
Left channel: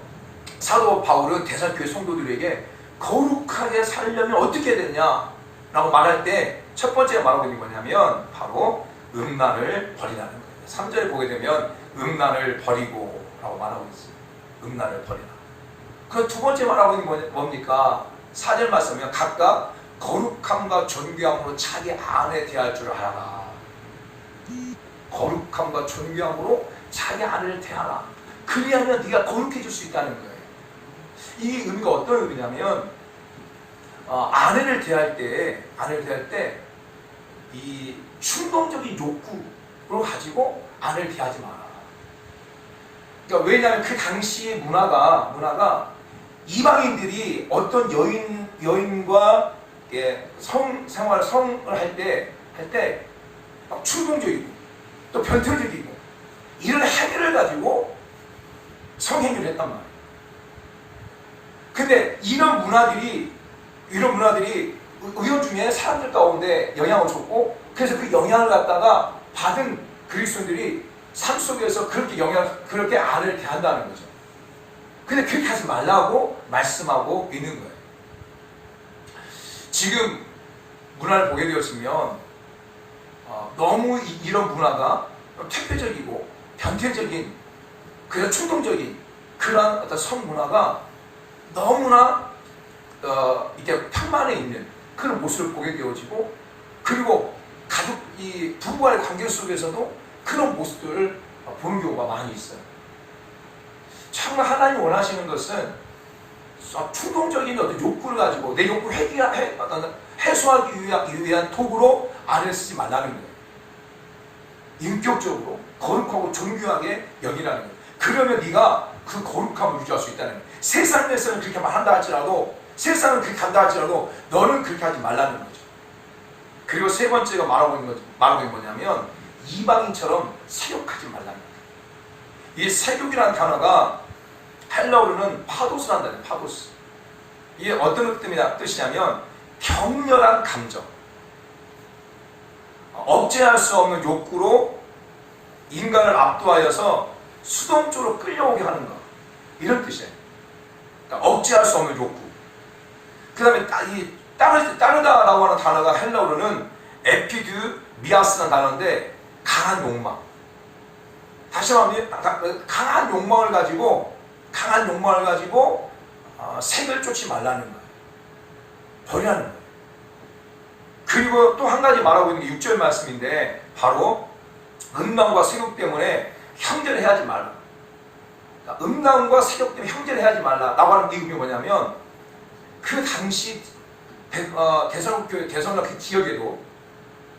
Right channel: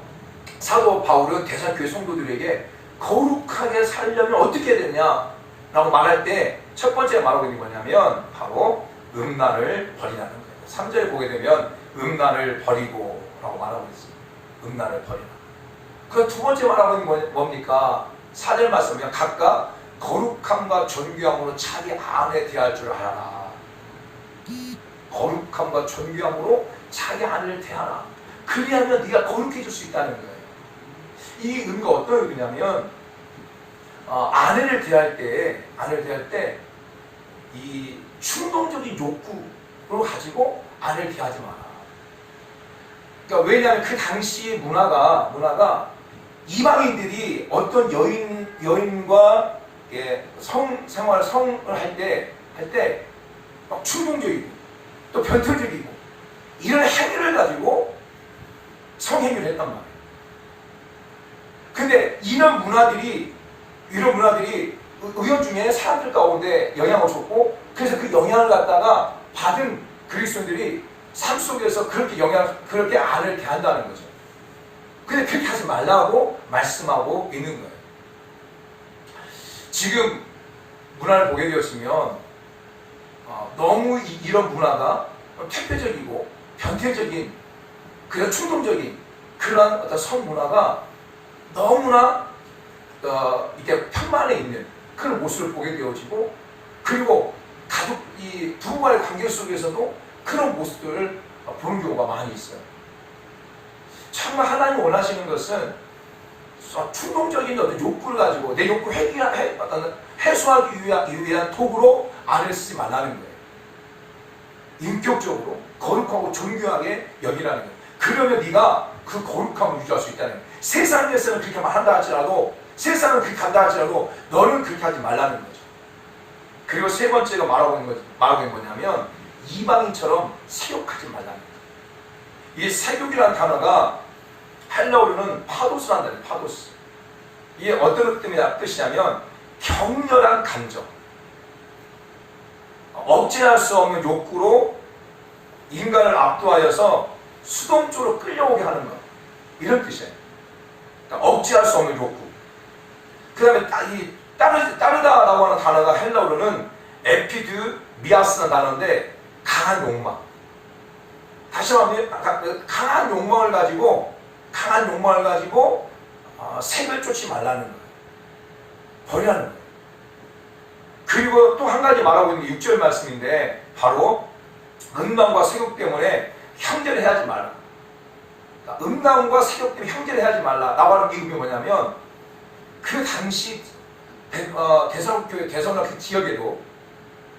사도 바울은 대사교회 성도들에게 거룩하게 살려면 어떻게 해야 되느냐라고 말할 때 첫 번째 말하고 있는 뭐냐면 바로 음란을 버리라는 거예요. 3절에 보게 되면 음란을 버리고 라고 말하고 있어요. 음란을 버리라. 그 두 번째 말하고 있는 건 뭡니까? 4절 말씀이면 각각 거룩함과 존귀함으로 자기 아내 대할 줄 알아라. 거룩함과 존귀함으로 자기 아내를 대하라. 그리하면 네가 거룩해질 수 있다는 거예요. 이 의미가 어떤 의미냐면 아내를 대할 때 이 충동적인 욕구를 가지고 아내를 대하지 마라. 그러니까 왜냐하면 그 당시의 문화가 이방인들이 어떤 여인과 성을 할 때 막 충동적이고 또 변태적이고 이런 행위를 가지고 성행위를 했단 말이에요. 근데 이런 문화들이 의원 중에 사람들 가운데 영향을 줬고 그래서 그 영향을 갖다가 받은 그리스도인들이 삶 속에서 그렇게 아내를 대한다는 거죠. 근데 그렇게 하지 말라고 말씀하고 있는 거예요. 지금 문화를 보게 되었으면 너무 이런 문화가 퇴폐적이고 변태적인 그런 충동적인 그런 어떤 성문화가 너무나 이렇게 평만에 있는 그런 모습을 보게 되어지고 그리고 이 부부간의 관계 속에서도 그런 모습들을 보는 경우가 많이 있어요. 정말 하나님이 원하시는 것은 충동적인 어떤 욕구를 가지고 내 욕구 해소하기 위한 도구로 아내를 쓰지 말라는 거예요. 인격적으로 거룩하고 존귀하게 여기라는 거예요. 그러면 네가 그 거룩함을 유지할 수 있다는 거예요. 세상에서는 그렇게 한다 할지라도 세상은 그렇게 한다 할지라도 너는 그렇게 하지 말라는 거죠. 그리고 세 번째가 말하고 있는 뭐냐면 이방인처럼 세욕하지 말라는 거예요. 이 세욕이라는 단어가 헬라어로는 파도스라는 단어예요. 파도스. 이게 어떤 뜻이냐면 격렬한 감정, 억제할 수 없는 욕구로 인간을 압도하여서 수동적으로 끌려오게 하는 것, 이런 뜻이에요. 그러니까 억제할 수 없는 욕구. 그 다음에 따르다라고 하는 단어가 헬라어로는 에피드미아스라는 단어인데 강한 욕망. 다시 말하면 강한 욕망을 가지고 색을 쫓지 말라는 거예요. 버리라는 거예요. 그리고 또 한 가지 말하고 있는 게 6절 말씀인데 바로 음란과 세욕 때문에 형제를 해하지 말라. 그러니까 음란과 세욕 때문에 형제를 해하지 말라. 라고 하는 게 의미 뭐냐면 그 당시 대선로 그 지역에도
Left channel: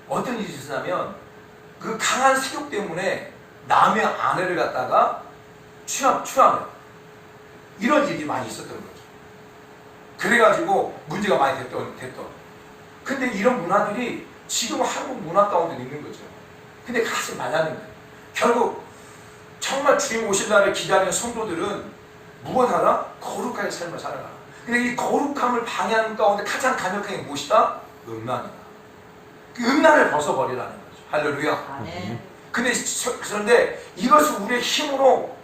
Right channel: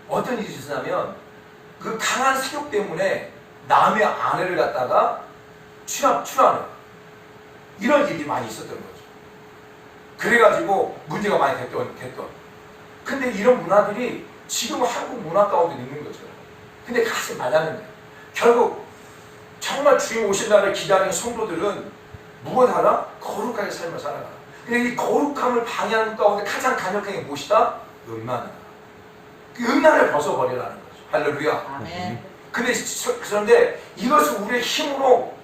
어떤 일이 있었냐면 그 강한 세욕 때문에 남의 아내를 갖다가 취하는 이런 일이 많이 있었던 거죠. 그래가지고 문제가 많이 됐던. 근데 이런 문화들이 지금 한국 문화 가운데 있는 거죠. 근데 가지 말라는 거예요. 결국 정말 주님 오실 날을 기다리는 성도들은 무엇 하나? 거룩하게 삶을 살아가라. 근데 이 거룩함을 방해하는 가운데 가장 강력한 게 무엇이다? 음란이다. 그 음란을 벗어버리라는 거죠. 할렐루야. 아멘. 그런데 이것을 우리의 힘으로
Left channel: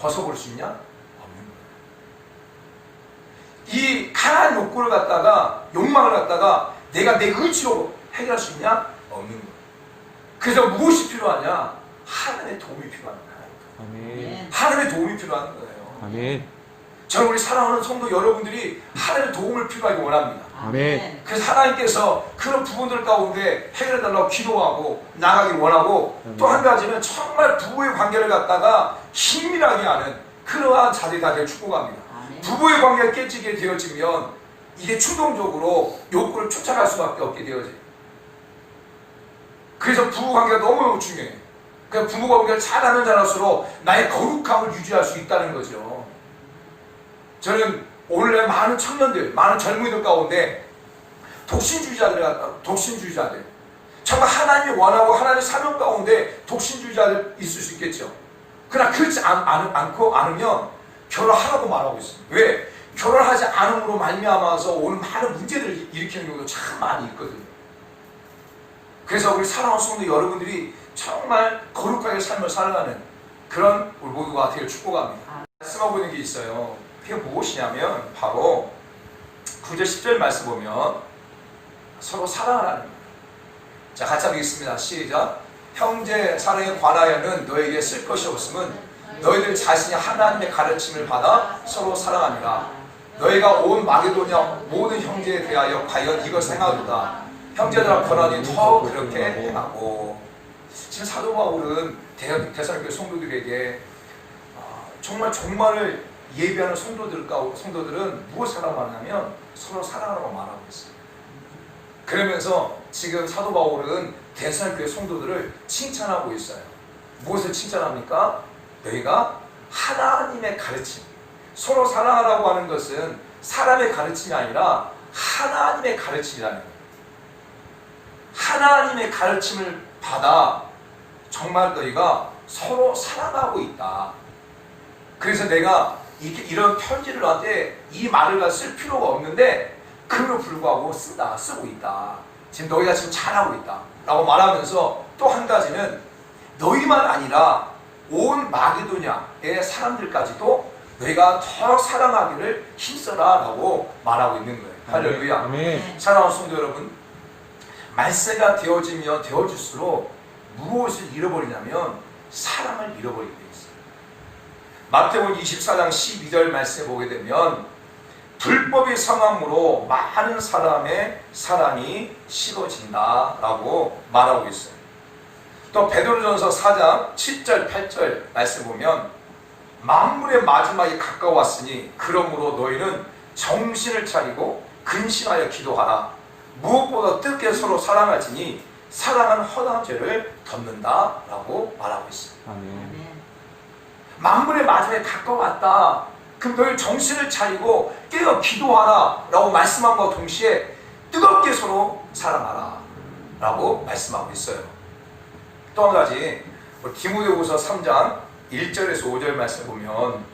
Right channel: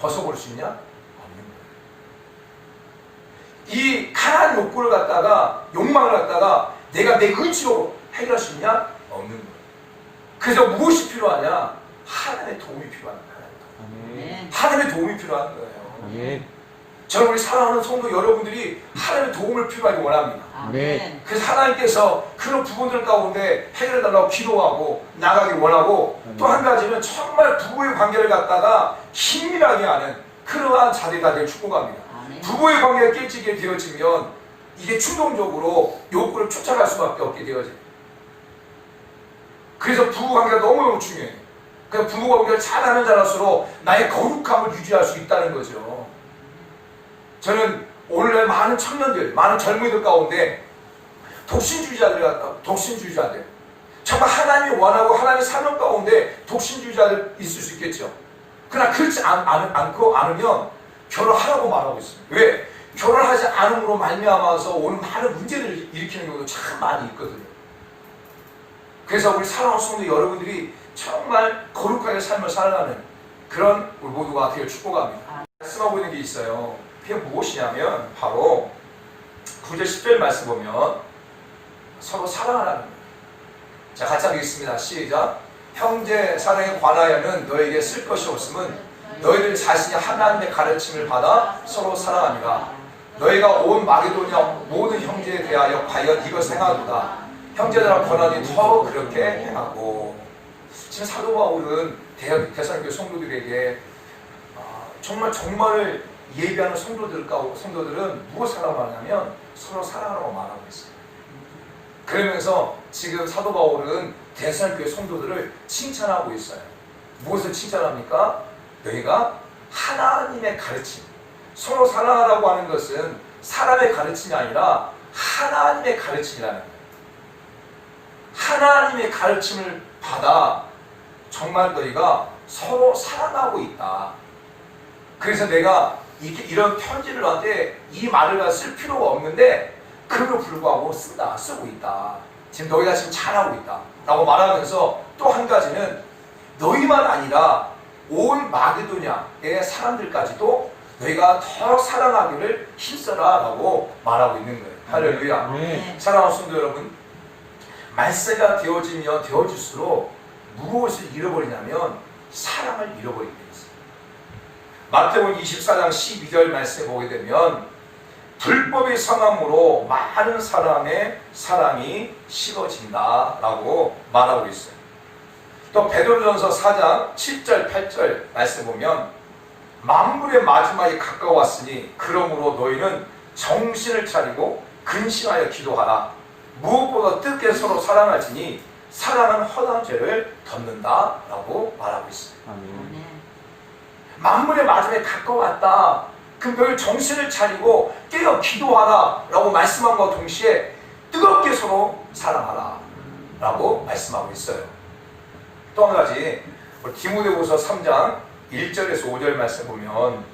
벗어볼 수 있냐? 없는 거예요. 이 강한 욕구를 갖다가, 욕망을 갖다가 내가 내 의지로 해결할 수 있냐? 없는 거예요. 그래서 무엇이 필요하냐? 하나님의 도움이 필요한 거예요. 아멘. 하나님의 도움이 필요한 거예요. 아멘. 저는 우리 사랑하는 성도 여러분들이 하나님의 도움을 필요하게 원합니다. 아멘. 그래서 하나님께서 그런 부분들 가운데 해결해달라고 기도하고 나가길 원하고 또 한 가지는 정말 부부의 관계를 갖다가 힘밀하게 하는 그러한 자리가 되길 축복합니다. 부부의 관계가 깨지게 되어지면 이게 충동적으로 욕구를 쫓아갈 수밖에 없게 되어져요. 그래서 부부 관계가 너무너무 중요해요. 그러니까 부부 관계를 잘하는 자랄수록 나의 거룩함을 유지할 수 있다는 거죠. 저는 오늘날 많은 청년들, 많은 젊은이들 가운데 독신주의자들, 정말 하나님이 원하고 하나님의 사명 가운데 독신주의자들 있을 수 있겠죠. 그러나 그렇지 않으면 결혼하라고 말하고 있습니다. 왜? 결혼하지 않음으로 말미암아서 오는 많은 문제를 일으키는 경우도 참 많이 있거든요. 그래서 우리 사랑하는 성도 여러분들이 정말 거룩하게 삶을 살아가는 그런 우리 모두가 되길 축복합니다. 말씀하고 있는 게 있어요. 그게 무엇이냐면 바로 9절 10절 말씀 보면 서로 사랑하라는 거예요. 자, 같이 하겠습니다. 시작. 형제 사랑에 관하여는 너에게 쓸 것이 없음은 너희들 자신이 하나님의 가르침을 받아 서로 사랑하니라. 너희가 온 마게도냐 모든 형제에 대하여 과연 이것을 행하도다. 형제들아 변하니 더 그렇게 행하고. 지금 사도 바울은 데살로니가 성도들에게 정말 예비하는 성도들은 무엇을 말하냐면 서로 사랑하라고 말하고 있어요. 그러면서 지금 사도 바울은 데살로니가 성도들을 칭찬하고 있어요. 무엇을 칭찬합니까? 너희가 하나님의 가르침, 서로 사랑하라고 하는 것은 사람의 가르침이 아니라 하나님의 가르침이라는 거예요. 하나님의 가르침을 받아 정말 너희가 서로 사랑하고 있다. 그래서 내가 이런 편지를 하되 이 말을 쓸 필요가 없는데 그로 불구하고 쓰고 있다. 지금 너희가 지금 잘하고 있다 라고 말하면서 또 한 가지는 너희만 아니라 온 마게도냐의 사람들까지도 너희가 더 사랑하기를 힘써라 라고 말하고 있는 거예요. 할렐루야. 사랑하는 성도 여러분, 말세가 되어질수록 무엇을 잃어버리냐면 사랑을 잃어버리게 돼 있어요. 마태복음 24장 12절 말씀에 보게 되면 불법이 성함으로 많은 사람의 사랑이 식어진다 라고 말하고 있어요. 또 베드로전서 4장 7절 8절 말씀 보면 만물의 마지막이 가까웠으니 그러므로 너희는 정신을 차리고 근심하여 기도하라. 무엇보다 뜻게 서로 사랑하지니 사랑은 허다한 죄를 덮는다 라고 말하고 있습니다. 아멘. 만물의 마지막에 가까웠다. 그럼 너희 정신을 차리고 깨어 기도하라 라고 말씀함과 동시에 뜨겁게 서로 사랑하라 라고 말씀하고 있어요. 또 한 가지 디모데후서 3장 1절에서 5절 말씀 보면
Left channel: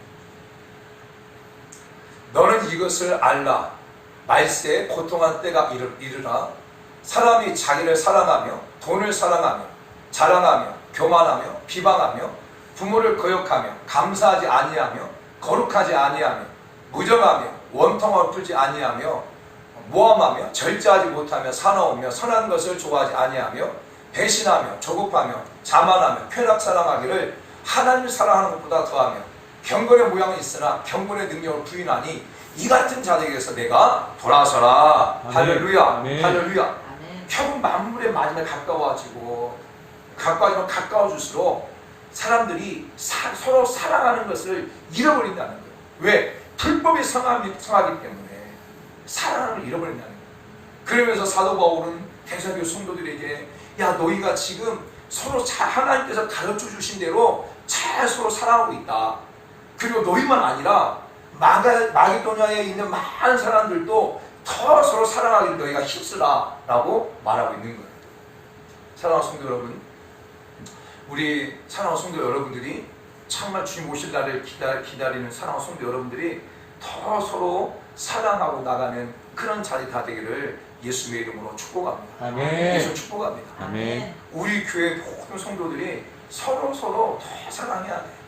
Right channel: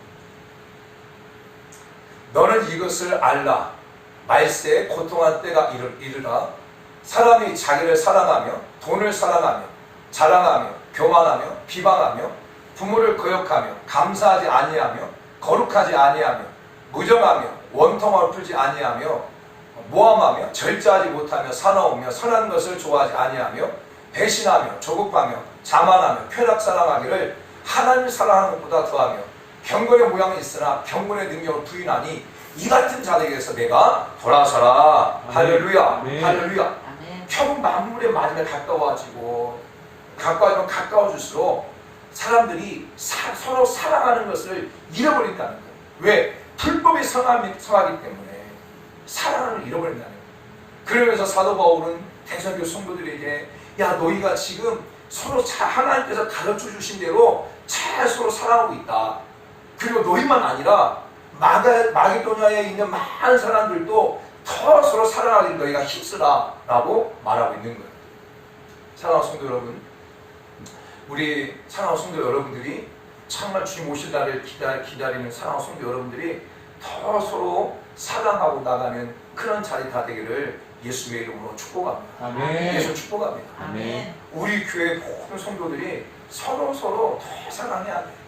너는 이것을 알라. 말세에 고통한 때가 이르라. 사람이 자기를 사랑하며 돈을 사랑하며 자랑하며 교만하며 비방하며 부모를 거역하며 감사하지 아니하며 거룩하지 아니하며 무정하며 원통을 풀지 아니하며 모함하며 절제하지 못하며 사나우며 선한 것을 좋아하지 아니하며 배신하며 조급하며 자만하며 쾌락 사랑하기를 하나님을 사랑하는 것보다 더하며 경건의 모양이 있으나 경건의 능력을 부인하니 이 같은 자들에게서 내가 돌아서라. 할렐루야. 할렐루야. 결국 만물의 마지막에 가까워질수록 사람들이 서로 사랑하는 것을 잃어버린다는 거예요. 왜? 불법이 성하기 때문에 사랑을 잃어버린다는 거예요. 그러면서 사도 바울은 데살로니가 성도들에게 야 너희가 지금 서로 하나님께서 가르쳐 주신 대로 잘 서로 사랑하고 있다. 그리고 너희만 아니라 마게도냐에 있는 많은 사람들도 더 서로 사랑하기를 너희가 힘쓰라 라고 말하고 있는 거예요. 사랑하는 성도 여러분, 우리 사랑하는 성도 여러분들이 정말 주님 오실 날을 기다리는 사랑하는 성도 여러분들이 더 서로 사랑하고 나가는 그런 자리가 되기를 예수의 이름으로 축복합니다. 아멘. 예수 축복합니다. 아멘. 우리 교회 모든 성도들이 서로 더 사랑해야 돼요.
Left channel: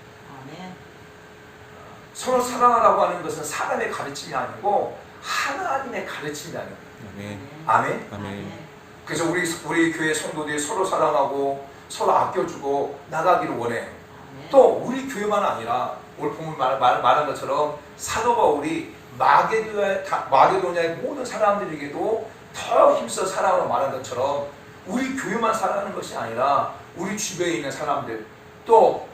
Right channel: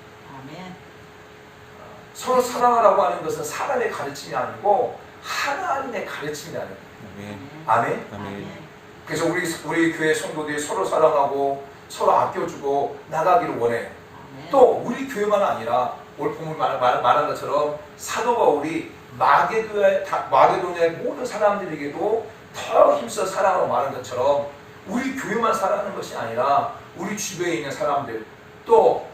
서로 사랑하라고 하는 것은 사람의 가르침이 아니고 하나님의 가르침이라는 거예요. 아멘. 아멘. 그래서 우리 교회 성도들이 서로 사랑하고 서로 아껴주고 나가기를 원해요. 또 우리 교회만 아니라 오늘 본문 말한 것처럼 사도 바울이 마게도냐의 모든 사람들에게도 더 힘써 사랑하라고 말한 것처럼 우리 교회만 사랑하는 것이 아니라 우리 주변에 있는 사람들 또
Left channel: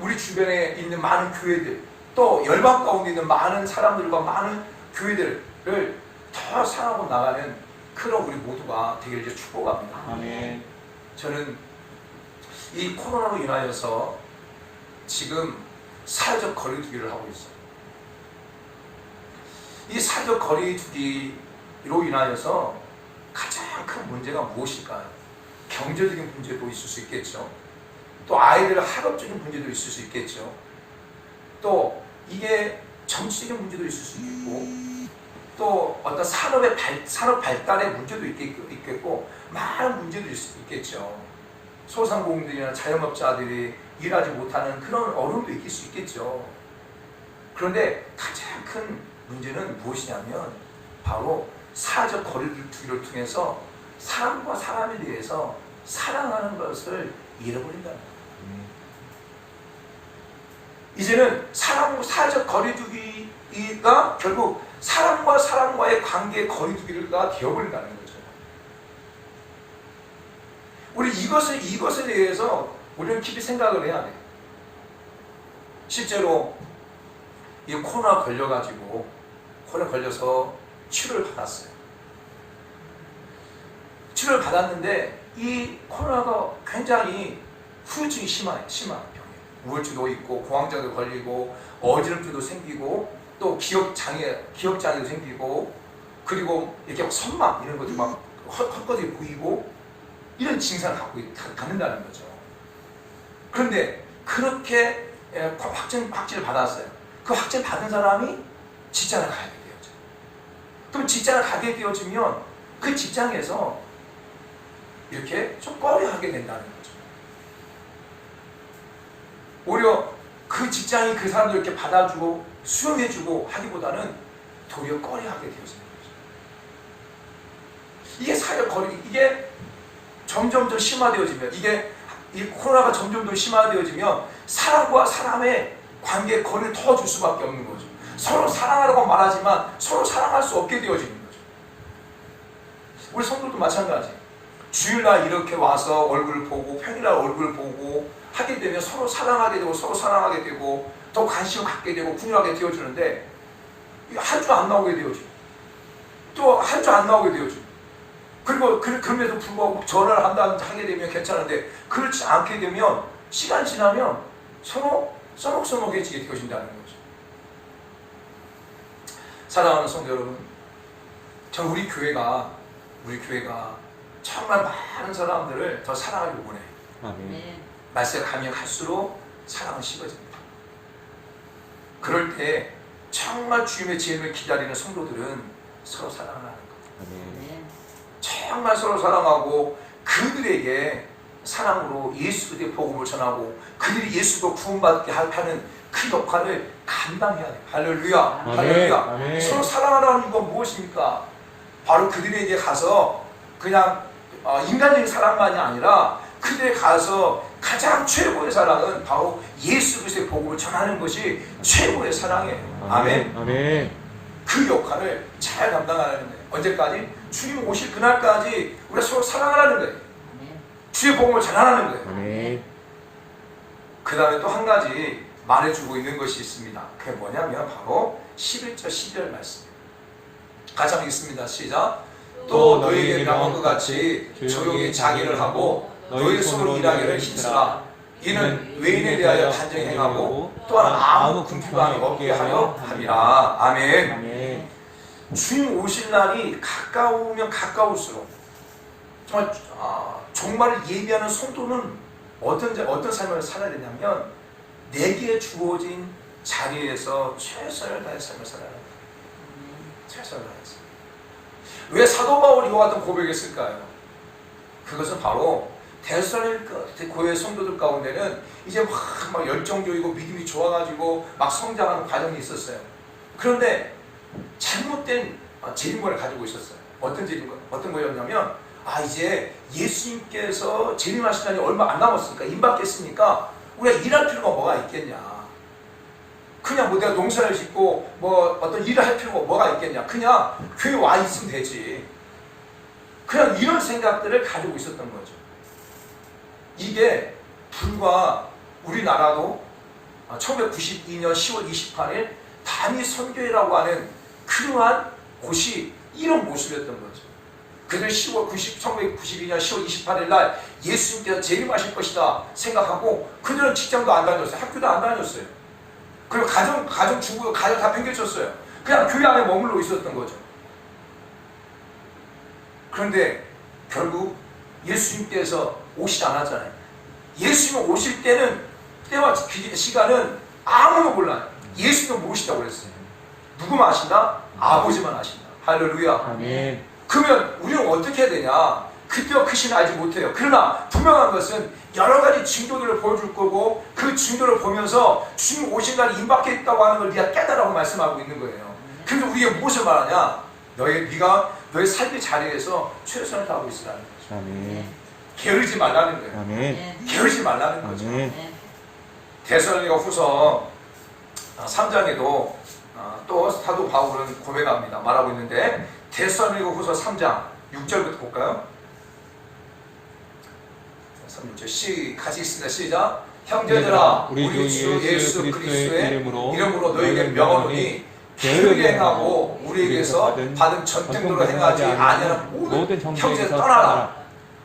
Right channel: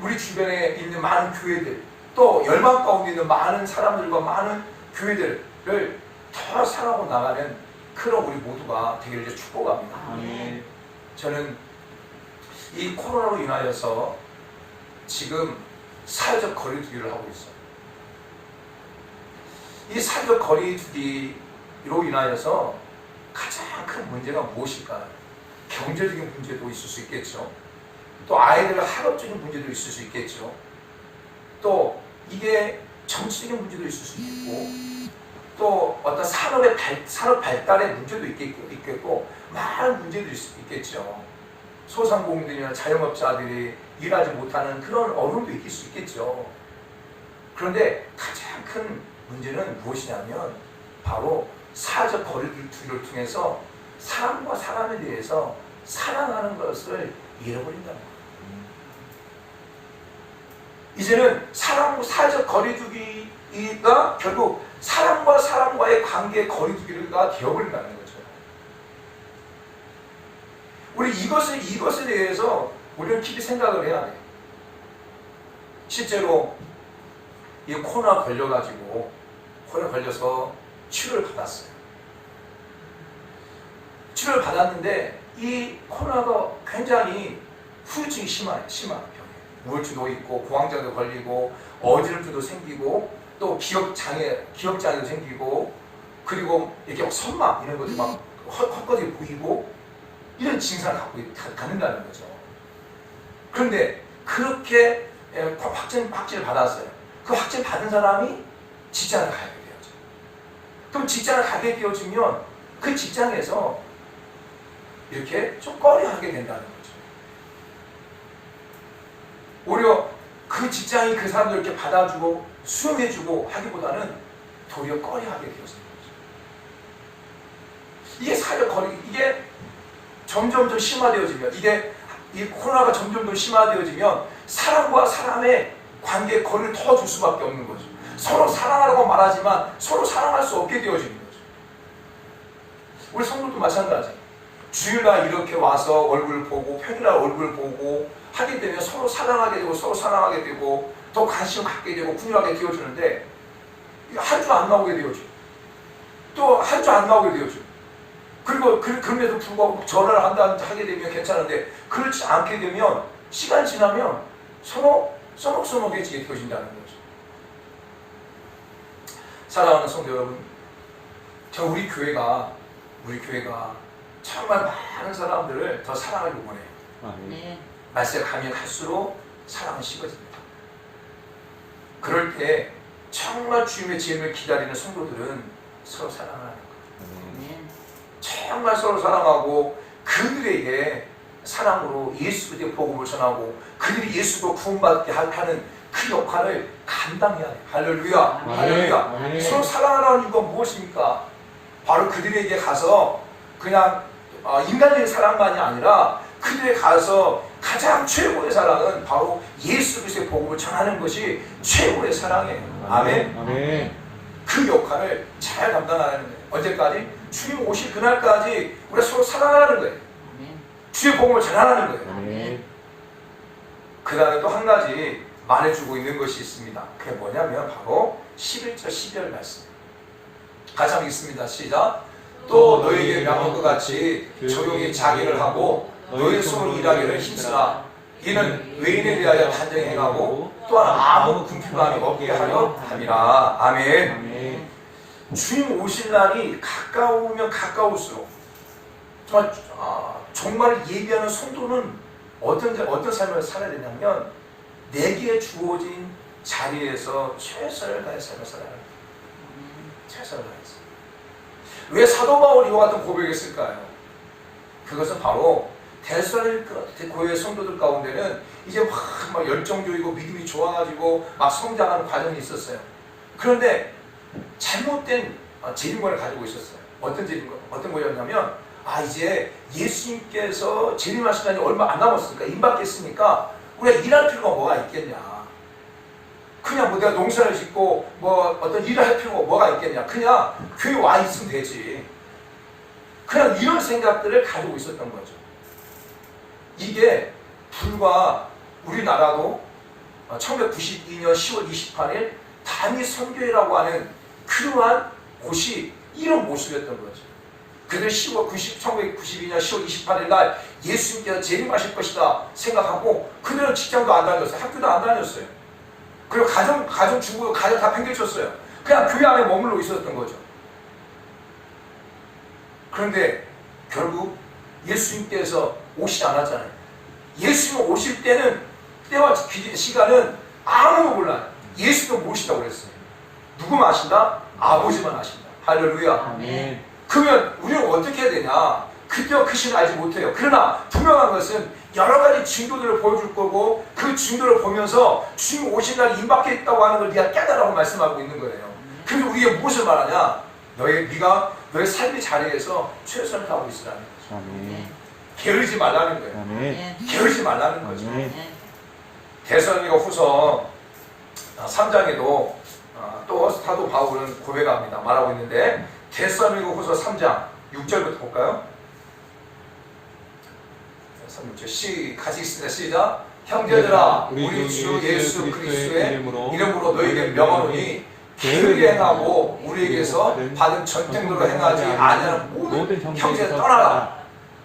우리 주변에 있는 많은 교회들 또 열방 가운데 있는 많은 사람들과 많은 교회들을 더 사랑하고 나가는 그런 우리 모두가 되기를 축복합니다. 아멘. 저는 이 코로나로 인하여서 지금 사회적 거리두기를 하고 있어요. 이 사회적 거리두기로 인하여서 가장 큰 문제가 무엇일까요? 경제적인 문제도 있을 수 있겠죠. 또 아이들 학업적인 문제도 있을 수 있겠죠. 또 이게 정치적인 문제도 있을 수 있고 또 어떤 산업 발달의 문제도 있겠고 많은 문제도 있을 수 있겠죠. 소상공인들이나 자영업자들이 일하지 못하는 그런 어려움도 있을 수 있겠죠. 그런데 가장 큰 문제는 무엇이냐면 바로 사회적 거리두기를 통해서 사람과 사람에 대해서 사랑하는 것을 잃어버린다는 거예요. 이제는 사회적 거리두기가 결국 사람과 사람과의 관계의 거리두기가 되어버린다는 거죠. 우리 이것에 대해서 우리는 깊이 생각을 해야 돼요. 실제로 이 코로나 걸려서 치료를 받았어요. 치료를 받았는데 이 코로나가 굉장히 후유증이 심한 병이에요. 우울증도 있고 공황장애도 걸리고 어지럼증도 생기고 또 기억장애도 생기고 그리고 이렇게 선막 이런 것도 막 헛것이 보이고 이런 증상을 갖는다는 거죠. 그런데 그렇게 확진을 받았어요. 그 확진 받은 사람이 직장을 가게 되었죠. 그럼 직장을 가게 되어지면 그 직장에서 이렇게 좀 꺼려하게 된다는 거죠. 오히려 그 직장이 그 사람들 이렇게 받아주고 수용해주고 하기보다는 도리어 꺼려하게 되었습니다. 이게 사회적 거리두기, 이게 점점 더 심화되어지면, 이 코로나가 점점 더 심화되어지면 사람과 사람의 관계에 거리를 더 줄 수밖에 없는 거죠. 서로 사랑하라고 말하지만 서로 사랑할 수 없게 되어지는 거죠. 우리 성도도 마찬가지. 주일날 이렇게 와서 얼굴을 보고 평일날 얼굴을 보고 하게 되면 서로 사랑하게 되고 더 관심을 갖게 되고 분열하게 되어주는데 한 주 안 나오게 되어지고 또 한 주 안 나오게 되어지고 그리고 그럼에도 불구하고 전화를 하게 되면 괜찮은데 그렇지 않게 되면 시간 지나면 서로 써먹써먹해지게 되어진다는 거죠. 사랑하는 성도 여러분, 우리 교회가 정말 많은 사람들을 더 사랑하길 원해요. 아멘. 말세가 가면 갈수록 사랑은 식어집니다. 그럴 때 정말 주님의 재림을 기다리는 성도들은 서로 사랑을 하는 거예요. 정말 서로 사랑하고 그들에게 사랑으로 예수 그리스도의 복음을 전하고 그들이 예수로 구원받게 하는 그 역할을 감당해야 돼요. 할렐루야. 아멘. 할렐루야. 아멘. 서로 사랑하라는 이유가 무엇입니까? 바로 그들에게 가서 그냥 인간적인 사랑만이 아니라 그들에 가서 가장 최고의 사랑은 바로 예수 그리스도의 복음을 전하는 것이 최고의 사랑이에요. 아멘. 아멘. 그 역할을 잘 감당하는 거예요. 언제까지? 주님 오실 그날까지 우리가 서로 사랑하라는 거예요. 주의 복음을 전하라는 거예요. 아멘. 그 다음에 또 한 가지 말해주고 있는 것이 있습니다. 그게 뭐냐면 바로 11절 12절 말씀. 같이 한번 읽습니다. 시작. 또 너희에게 명한 것 같이 조용히 자기를 하고 너희 손으로 일하기를 힘쓰라. 이는 외인에 대하여 단정히 행하고 또한 아무 궁핍함이 없게 하려 함이라. 아멘. 아멘. 주님 오실 날이 가까우면 가까울수록 정말 예비하는 성도는 어떤 삶을 살아야 되냐면 내게 주어진 자리에서 최선을 다해 삶을 살아야 합니다. 최선을 다해서. 왜 사도 바울이 이와 같은 고백했을까요? 그것은 바로 데살로니가 교회 성도들 가운데는 이제 막 열정적이고 믿음이 좋아가지고 막 성장하는 과정이 있었어요. 그런데 잘못된 재림권을 가지고 있었어요. 어떤 거였냐면 이제 예수님께서 재림하시다니 얼마 안 남았으니까 임박했으니까 우리가 일할 필요가 뭐가 있겠냐. 그냥 뭐 내가 농사를 짓고 뭐 어떤 일을 할 필요가 뭐가 있겠냐. 그냥 교회 와 있으면 되지. 그냥 이런 생각들을 가지고 있었던 거죠. 이게 불과 우리나라도 1992년 10월 28일 단위 선교회라고 하는 그러한 곳이 이런 모습이었던 거죠. 그들 1992년 10월 28일 날 예수님께서 재림하실 것이다 생각하고 그들은 직장도 안 다녔어요. 학교도 안 다녔어요. 그리고 가정 주부, 가정 다 팽개쳤어요. 그냥 교회 안에 머물러 있었던 거죠. 그런데 결국 예수님께서 오시지 않았잖아요. 예수님 오실 때와 시간은 아무도 몰라요. 예수님도 모르시다고 그랬어요. 누구만 아신다? 아버지만 아신다. 할렐루야. 아멘. 그러면 우리는 어떻게 해야 되냐? 그때와 그 시는 알지 못해요. 그러나 분명한 것은 여러 가지 증거들을 보여줄 거고 그 증거를 보면서 주님 오실 날이 임박했다고 하는 걸 네가 깨달으라고 말씀하고 있는 거예요. 그래서 우리가 무엇을 말하냐? 네가 너의 삶의 자리에서 최선을 다하고 있으라는 거죠. 아멘. 게으르지 말라는 거예요. 아멘. 게으르지 말라는 거죠. 아멘. 데살로니가 후서 3장에도 또 사도 바울은 고백합니다. 말하고 있는데 데살로니가 후서 3장 6절부터 볼까요? 3, 6절 같이 있습니다. 시작. 형제들아 우리 주 예수 그리스도의 이름으로 너희에게 명하노니 게으르게 행하고 우리에게서 받은 전통으로 행하지 아니하는 모든 형제를 떠나라.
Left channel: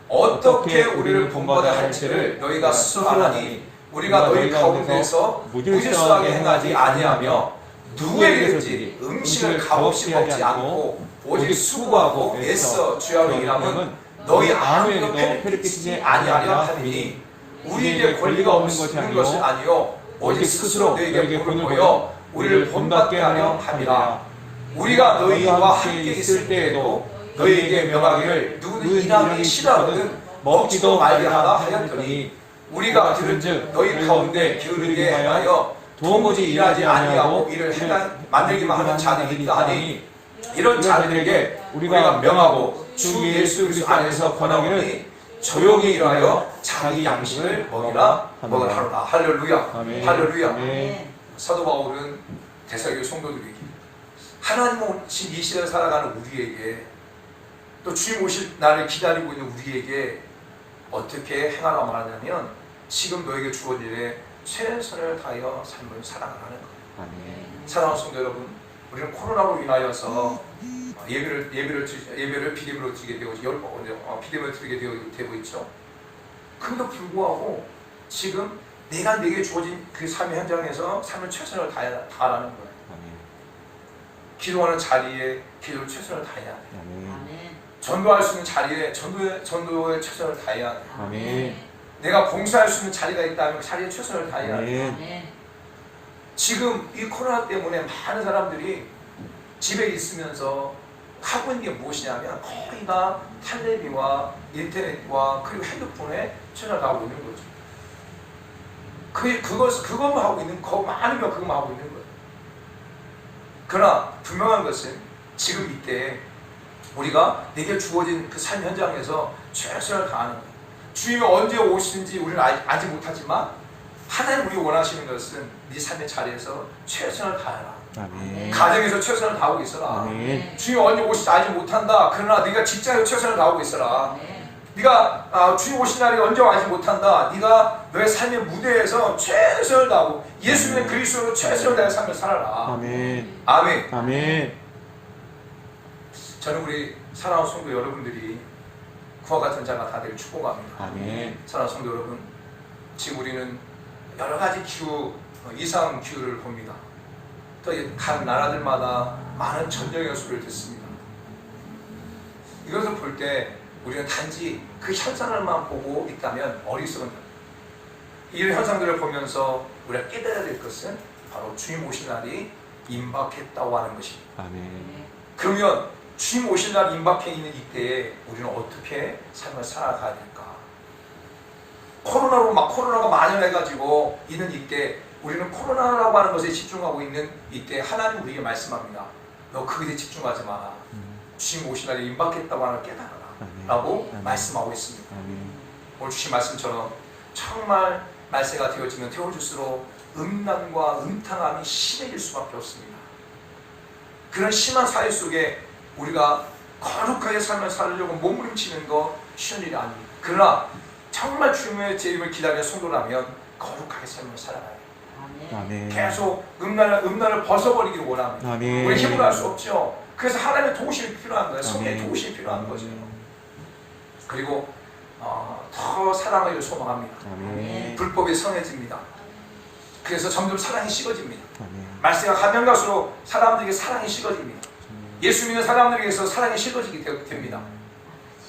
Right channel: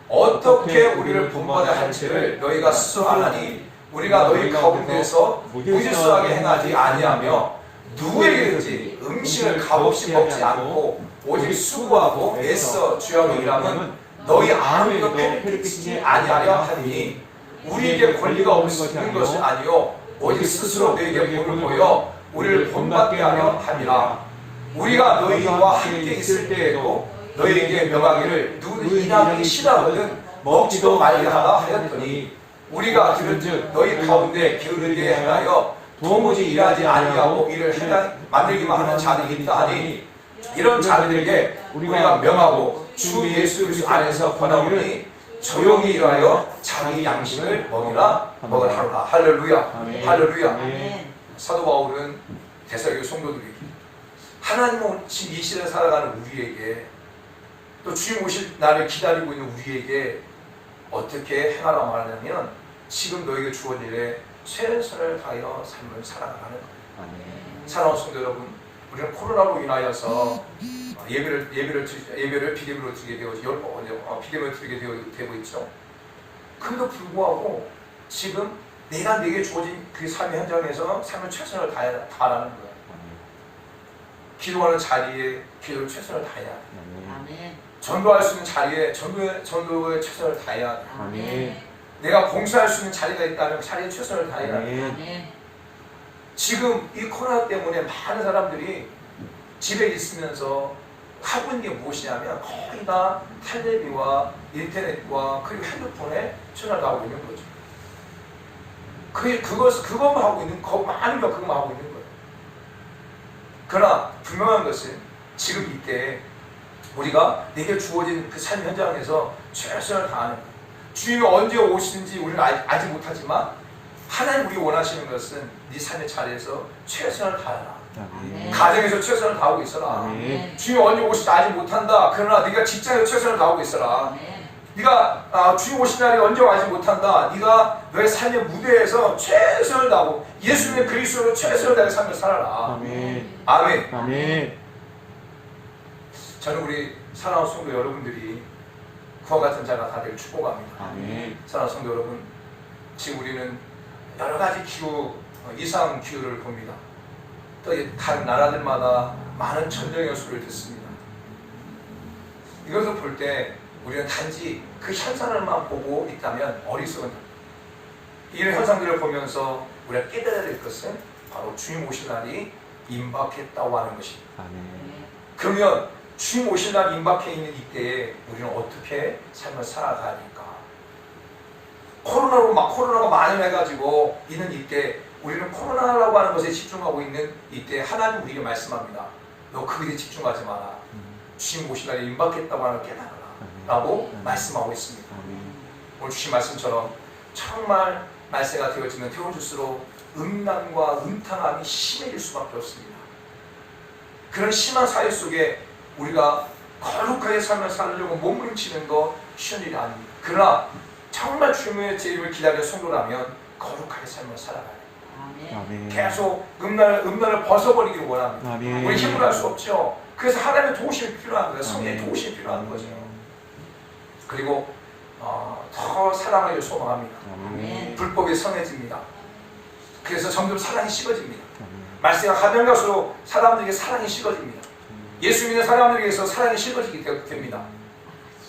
어떻게 우리를 본받아야 할지를 너희가 스스로 아나니 우리가 너희 가운데서 무질서하게 행하지 아니하며 누구에게든지 음식을 값없이 먹지 않고 오직 수고하고 애써 주야로 일하면 너희 아무에게도 폐를 끼치지 아니하려 하니 우리에게 권리가 없는 것이 아니요 오직 스스로 너희에게 본을 보여 우리를 본받게 하려 함이라. 우리가 너희와 함께 있을 때에도 너희에게 명하기를 누구든 일하기 싫어하거든 먹지도 말게 하라 하였더니 우리가 들은즉 너희 가운데 게으르게 행하여 도무지 일하지 아니하고 이를 만들기만 하는 자들이 있다 하니 이런 자들에게 우리가 명하고 주 예수 그리스도 안에서 권하오니 조용히 일하여 자기 양식을 먹으라 하노라. 할렐루야. 아멘. 할렐루야. 아멘. 사도 바울은 데살로니가 성도들에게 하나님 오신 이 시대를 살아가는 우리에게 또 주님 오실 날을 기다리고 있는 우리에게 어떻게 행하라 말하냐면 지금 너에게 주어진 일에 최선을 다하여 삶을 살아가는 거예요. 사랑하는 성도 여러분, 우리는 코로나로 인하여서 예배를 비대면으로 드리게 되고 있죠. 그럼에도 불구하고 지금 내게 주어진 그 삶의 현장에서 삶을 최선을 다하라는 거예요. 기도하는 자리에 기도를 최선을 다해야 돼. 전도할 수 있는 자리에 전도에 최선을 다해야 돼. 아멘. 내가 봉사할 수 있는 자리가 있다면 자리에 최선을 다해야 돼. 아멘. 지금 이 코로나 때문에 많은 사람들이 집에 있으면서 하고 있는 게 무엇이냐면 거의 다 텔레비와 인터넷과 그리고 핸드폰에 최선을 다하고 있는 거죠. 그것만 하고 있는 거 많은 거 그것만 하고 있는 거예요. 그러나 분명한 것은 지금 이때 우리가 내게 주어진 그 삶 현장에서 최선을 다하는 것. 주님이 언제 오시는지 우리는 알지 못하지만 하나님 우리 원하시는 것은 네 삶의 자리에서 최선을 다해라. 아멘. 가정에서 최선을 다하고 있어라. 아멘. 주님이 언제 오실지 알지 못한다. 그러나 네가 직장에서 최선을 다하고 있어라. 네가 주님 오신 날이 언제 알지 못한다. 네가 너의 삶의 무대에서 최선을 다하고 예수님의 그리스도로 최선을 다해 삶을 살아라. 아멘. 아멘. 아멘. 저는 우리 사랑하는 성도 여러분들이 그와 같은 자가 다 되길 축복합니다. 아멘. 사랑하는 성도 여러분, 지금 우리는 여러 가지 기후, 이상 기후를 봅니다. 또 각 나라들마다 많은 전쟁의 소리를 듣습니다. 이것을 볼 때 우리는 단지 그 현상을만 보고 있다면 어리석은 이런 현상들을 보면서 우리가 깨달아야 될 것은 바로 주님 오실 날이 임박했다고 하는 것입니다. 아멘. 그러면 주님 오실 날 임박해 있는 이때에 우리는 어떻게 삶을 살아가야 될까? 코로나가 만연해가지고 있는 이때 우리는 코로나라고 하는 것에 집중하고 있는 이때 하나님 우리에게 말씀합니다. 너 그것에 집중하지 마라. 주님 오실 날이 임박했다고 하는 걸 깨달아라. 라고 말씀하고 있습니다. 오늘 주신 말씀처럼 정말 말세가 되어지면 되어질수록 음란과 음탕함이 심해질 수밖에 없습니다. 그런 심한 사회 속에 우리가 거룩하게 삶을 살려고 몸부림치는 거 쉬운 일이 아닙니다. 그러나 정말 주님의 재림을 기다리는 성도라면 거룩하게 삶을 살아가요. 아멘. 계속 음란을 벗어버리기 원합니다. 아멘. 우리 힘으로 할 수 없죠. 그래서 하나님의 도우심이 필요한 거예요. 성령의 아멘. 도우심이 필요한 거죠. 그리고 더 사랑을 소망합니다. 아멘. 불법이 선해집니다. 그래서 점점 사랑이 식어집니다. 아멘. 말세가 가면 갈수록 사람들에게 사랑이 식어집니다. 예수 믿는 사람들에게서 사랑이 식어지게 됩니다.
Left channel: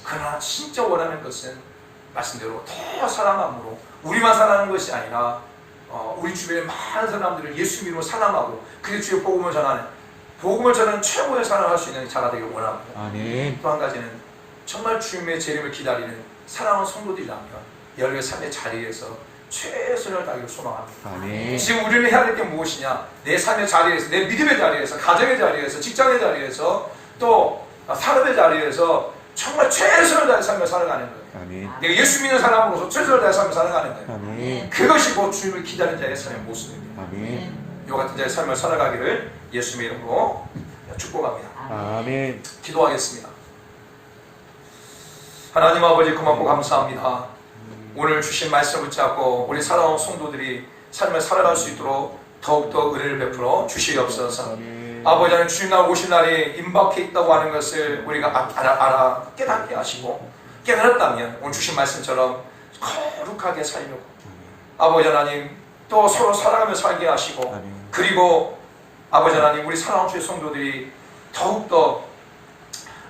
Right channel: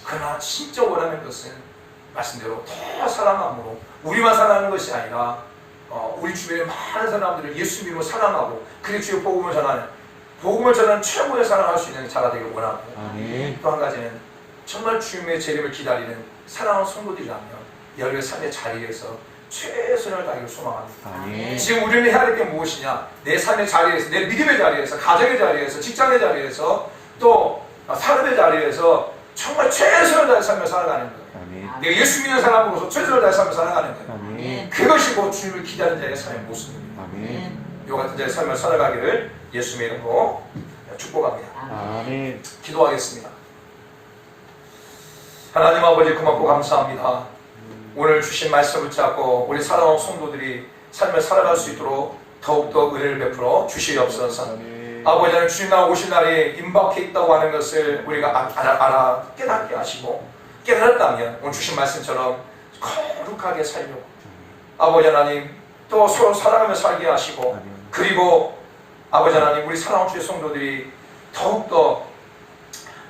그러나 진짜 원하는 것은 말씀대로 더 사랑함으로 우리만 사랑하는 것이 아니라 우리 주변의 많은 사람들을 예수 믿고 사랑하고 그리고 주의 복음을 전하는 최고의 사랑할 수 있는 자가 되길 원하고, 아멘. 또 한 가지는 정말 주님의 재림을 기다리는 사랑하는 성도들이라면 여러분의 삶의 자리에서 최선을 다하기를 소망합니다. 아멘. 지금 우리는 해야 될 게 무엇이냐? 내 삶의 자리에서, 내 믿음의 자리에서, 가정의 자리에서, 직장의 자리에서, 또 사람의 자리에서 정말 최선을 다해 삶을 살아가는 거예요. 아멘. 내가 예수 믿는 사람으로서 최선을 다해 삶을 살아가는 거예요. 아멘. 그것이 곧 주님을 기다리는 자의 삶의 모습입니다. 아멘. 이 같은 자의 삶을 살아가기를 예수 믿음으로 축복합니다. 아멘. 기도하겠습니다. 하나님 아버지 고맙고 감사합니다. 오늘 주신 말씀 붙잡고 우리 사랑하는 성도들이 삶을 살아갈 수 있도록 더욱더 은혜를 베풀어 주시옵소서. 아멘. 아버지 하나님 주님 날 오신 날이 임박해 있다고 하는 것을 우리가 알아 깨닫게 하시고, 깨달았다면 오늘 주신 말씀처럼 거룩하게 살려고 아버지 하나님 또 서로 사랑하며 살게 하시고, 아멘. 그리고 아버지 하나님 우리 사랑하는 주의 성도들이 더욱더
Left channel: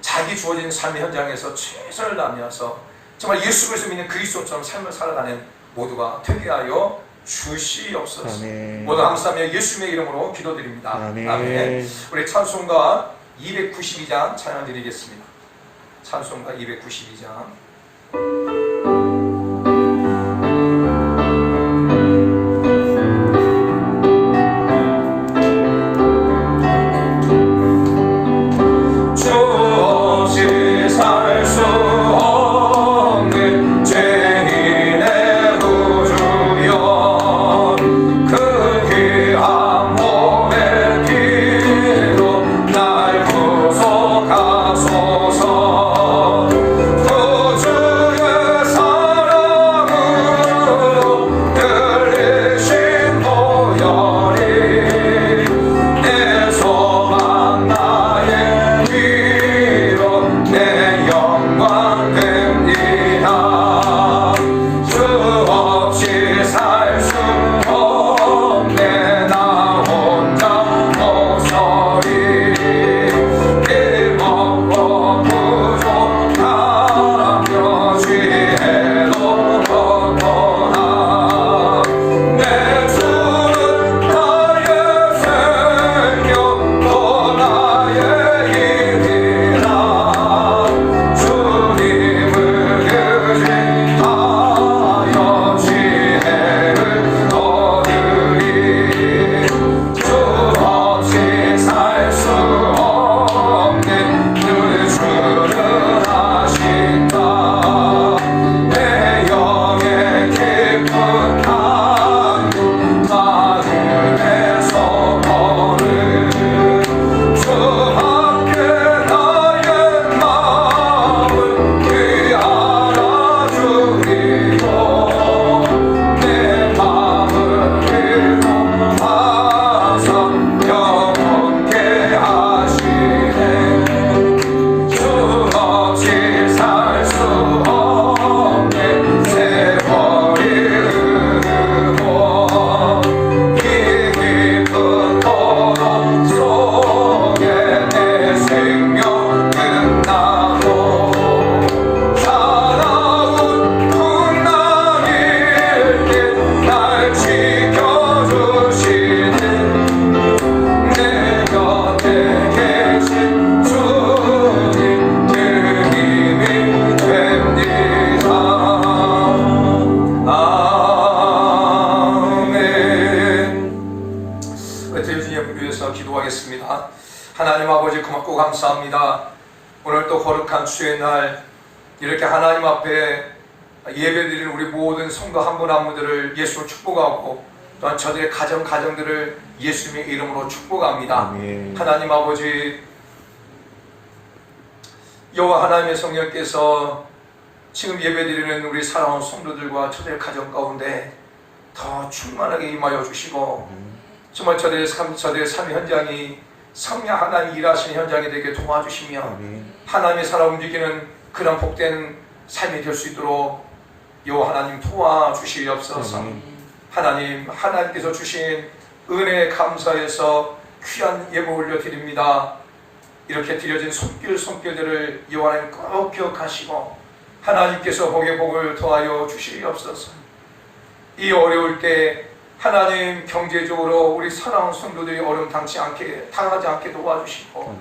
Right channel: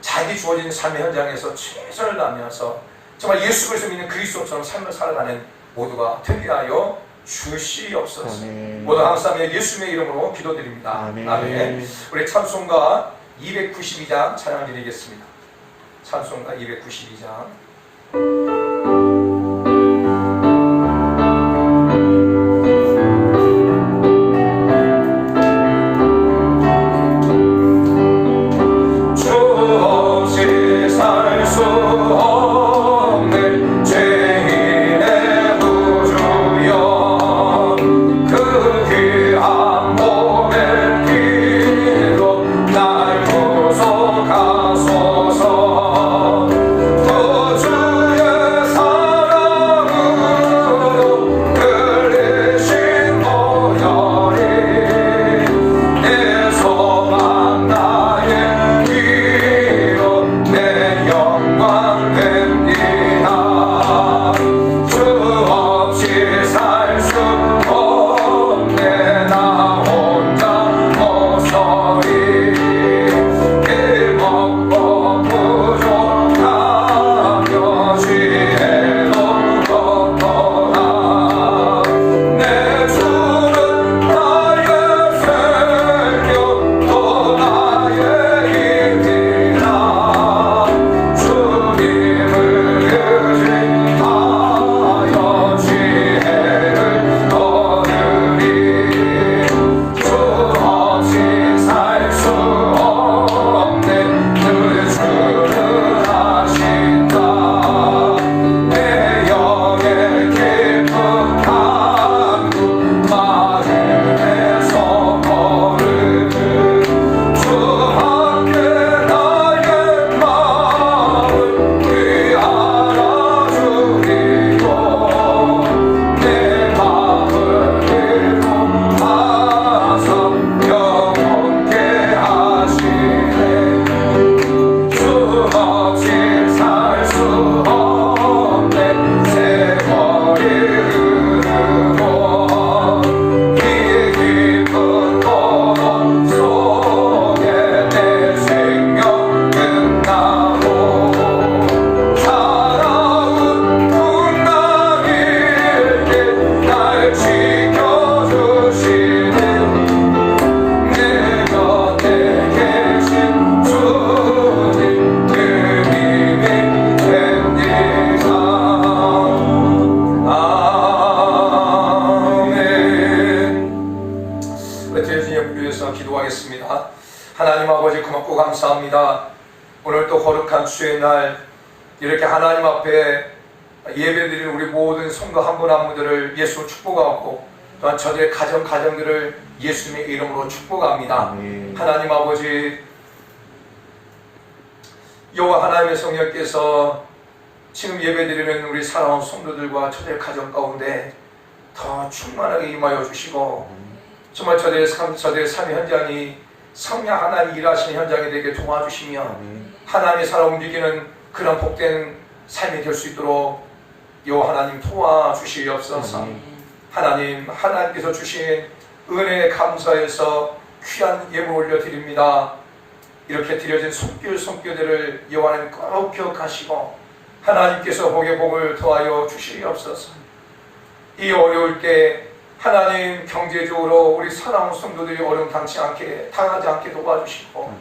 자기 주어진 삶의 현장에서 최선을 다하면서 정말 예수 그리스도 믿는 그리스도처럼 삶을 살아가는 모두가 되게 하여 주시옵소서. 아멘. 모두 감사하며 예수님의 이름으로 기도드립니다. 아멘. 우리 찬송가 292장 찬양 드리겠습니다. 찬송가 292장. 하나님 아버지 고맙고 감사합니다. 오늘 또 거룩한 주의 날 이렇게 하나님 앞에 예배드리는 우리 모든 성도 한 분 한 분들을 예수로 축복하고 또한 저들의 가정들을 예수님의 이름으로 축복합니다. 아멘. 하나님 아버지, 여호와 하나님의 성령께서 지금 예배드리는 우리 사랑하는 성도들과 저들의 가정 가운데 더 충만하게 임하여 주시고 정말 저들의 삶의 현장이 성령 하나님 일하시는 현장이 되게 도와주시며 하나님의 살아 움직이는 그런 복된 삶이 될 수 있도록 여호와 하나님 도와주시옵소서. 하나님께서 주신 은혜에 감사해서 귀한 예물 올려드립니다. 이렇게 드려진 손길들을 여호와 하나님 꼭 기억하시고 하나님께서 복에 복을 더하여 주시옵소서. 이 어려울 때 하나님 경제적으로 우리 사랑하는 성도들이 어려움 당하지 않게 도와주시고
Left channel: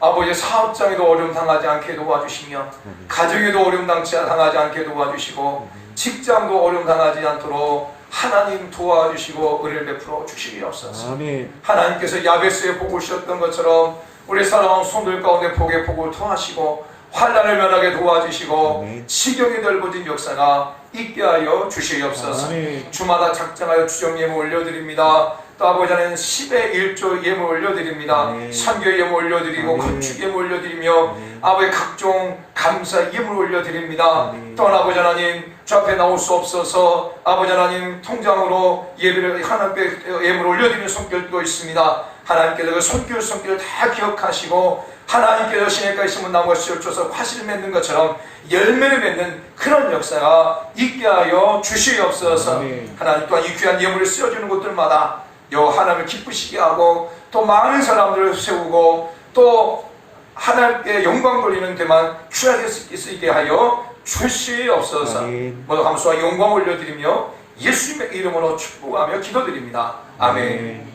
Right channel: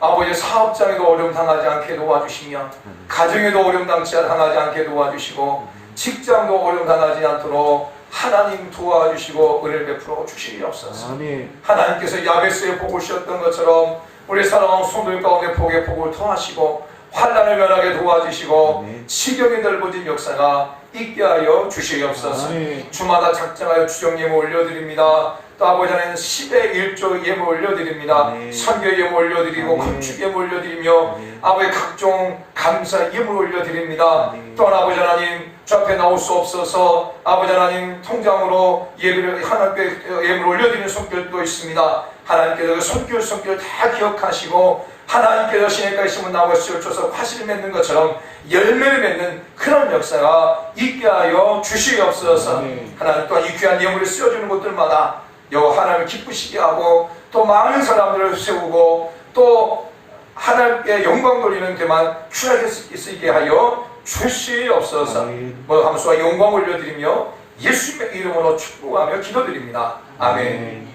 아버지 사업장에도 어려움 당하지 않게 도와주시며 가정에도 어려움 당하지 않게 도와주시고 직장도 어려움 당하지 않도록 하나님 도와주시고 은혜를 베풀어 주시옵소서. 하나님께서 야베스의 복을 주셨던 것처럼 우리 사랑하는 성도들 가운데 복의 복을 통하시고 환난을 면하게 도와주시고 시경이 넓어진 역사가 있게 하여 주시옵소서. 주마다 작정하여 주정 예물 올려드립니다. 또 아버지 하나님 10의 1조 예물 올려드립니다. 선교 예물 올려드리고 건축 예물 올려드리며 아버지 각종 감사 예물 올려드립니다. 또한 아버지 하나님 주 앞에 나올 수 없어서 아버지 하나님 통장으로 예배를 하나님께 예물 올려드리는 손길도 있습니다. 하나님께서 그 손길 다 기억하시고 하나님께서 시내까지 심은 나무가 씌워줘서 화실을 맺는 것처럼 열매를 맺는 그런 역사가 있게 하여 주시옵소서. 하나님 또한 이 귀한 예물을 쓰여주는 곳들마다 하나님을 기쁘시게 하고 또 많은 사람들을 세우고 또 하나님께 영광 돌리는 데만 귀하게 쓰이게 하여 주시옵소서. 감사와 영광 올려드리며 예수님의 이름으로 축복하며 기도드립니다. 아멘.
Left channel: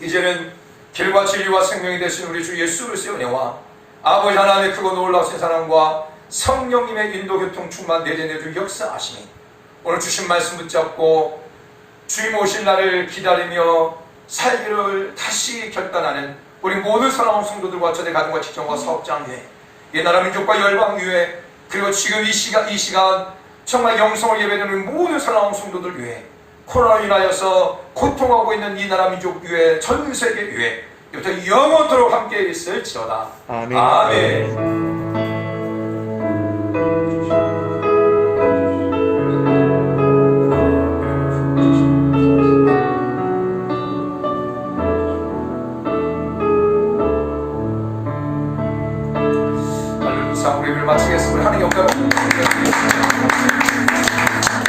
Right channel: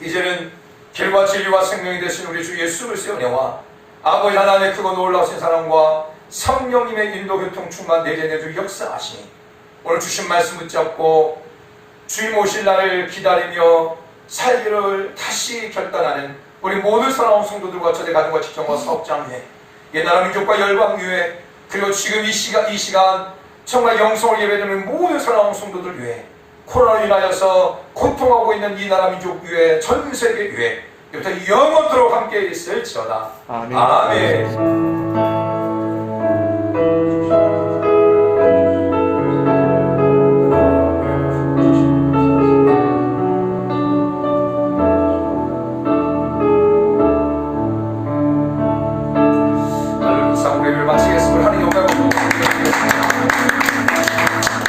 이제는 길과 진리와 생명이 되신 우리 주 예수 그리스도의 은혜와 아버지 하나님의 크고 놀라우신 사랑과 성령님의 인도 교통 충만 내재내주 역사하시니 오늘 주신 말씀 붙잡고 주님 오실 날을 기다리며 살기를 다시 결단하는 우리 모든 사랑하는 성도들과 저의 가정과 직장과 사업장 위에 옛나라 민족과 열방 위에 그리고 지금 이 시간 정말 영성을 예배드리는 모든 사랑하는 성도들 위에 코로나로 인하여서 고통하고 있는 이 나라 민족 위에 전 세계 위에 이부터 영원토록 함께 있을지어다. 아멘. 아멘. 우리를 마치겠습니다. 하나님 영광을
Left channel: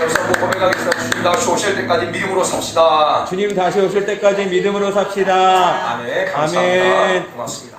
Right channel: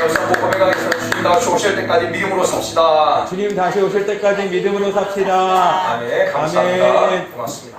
여기서 뭐 고백하겠습니다. 주님 다시 오실 때까지 믿음으로 삽시다. 주님 다시 오실 때까지 믿음으로 삽시다. 아멘. 감사합니다. 아멘. 고맙습니다.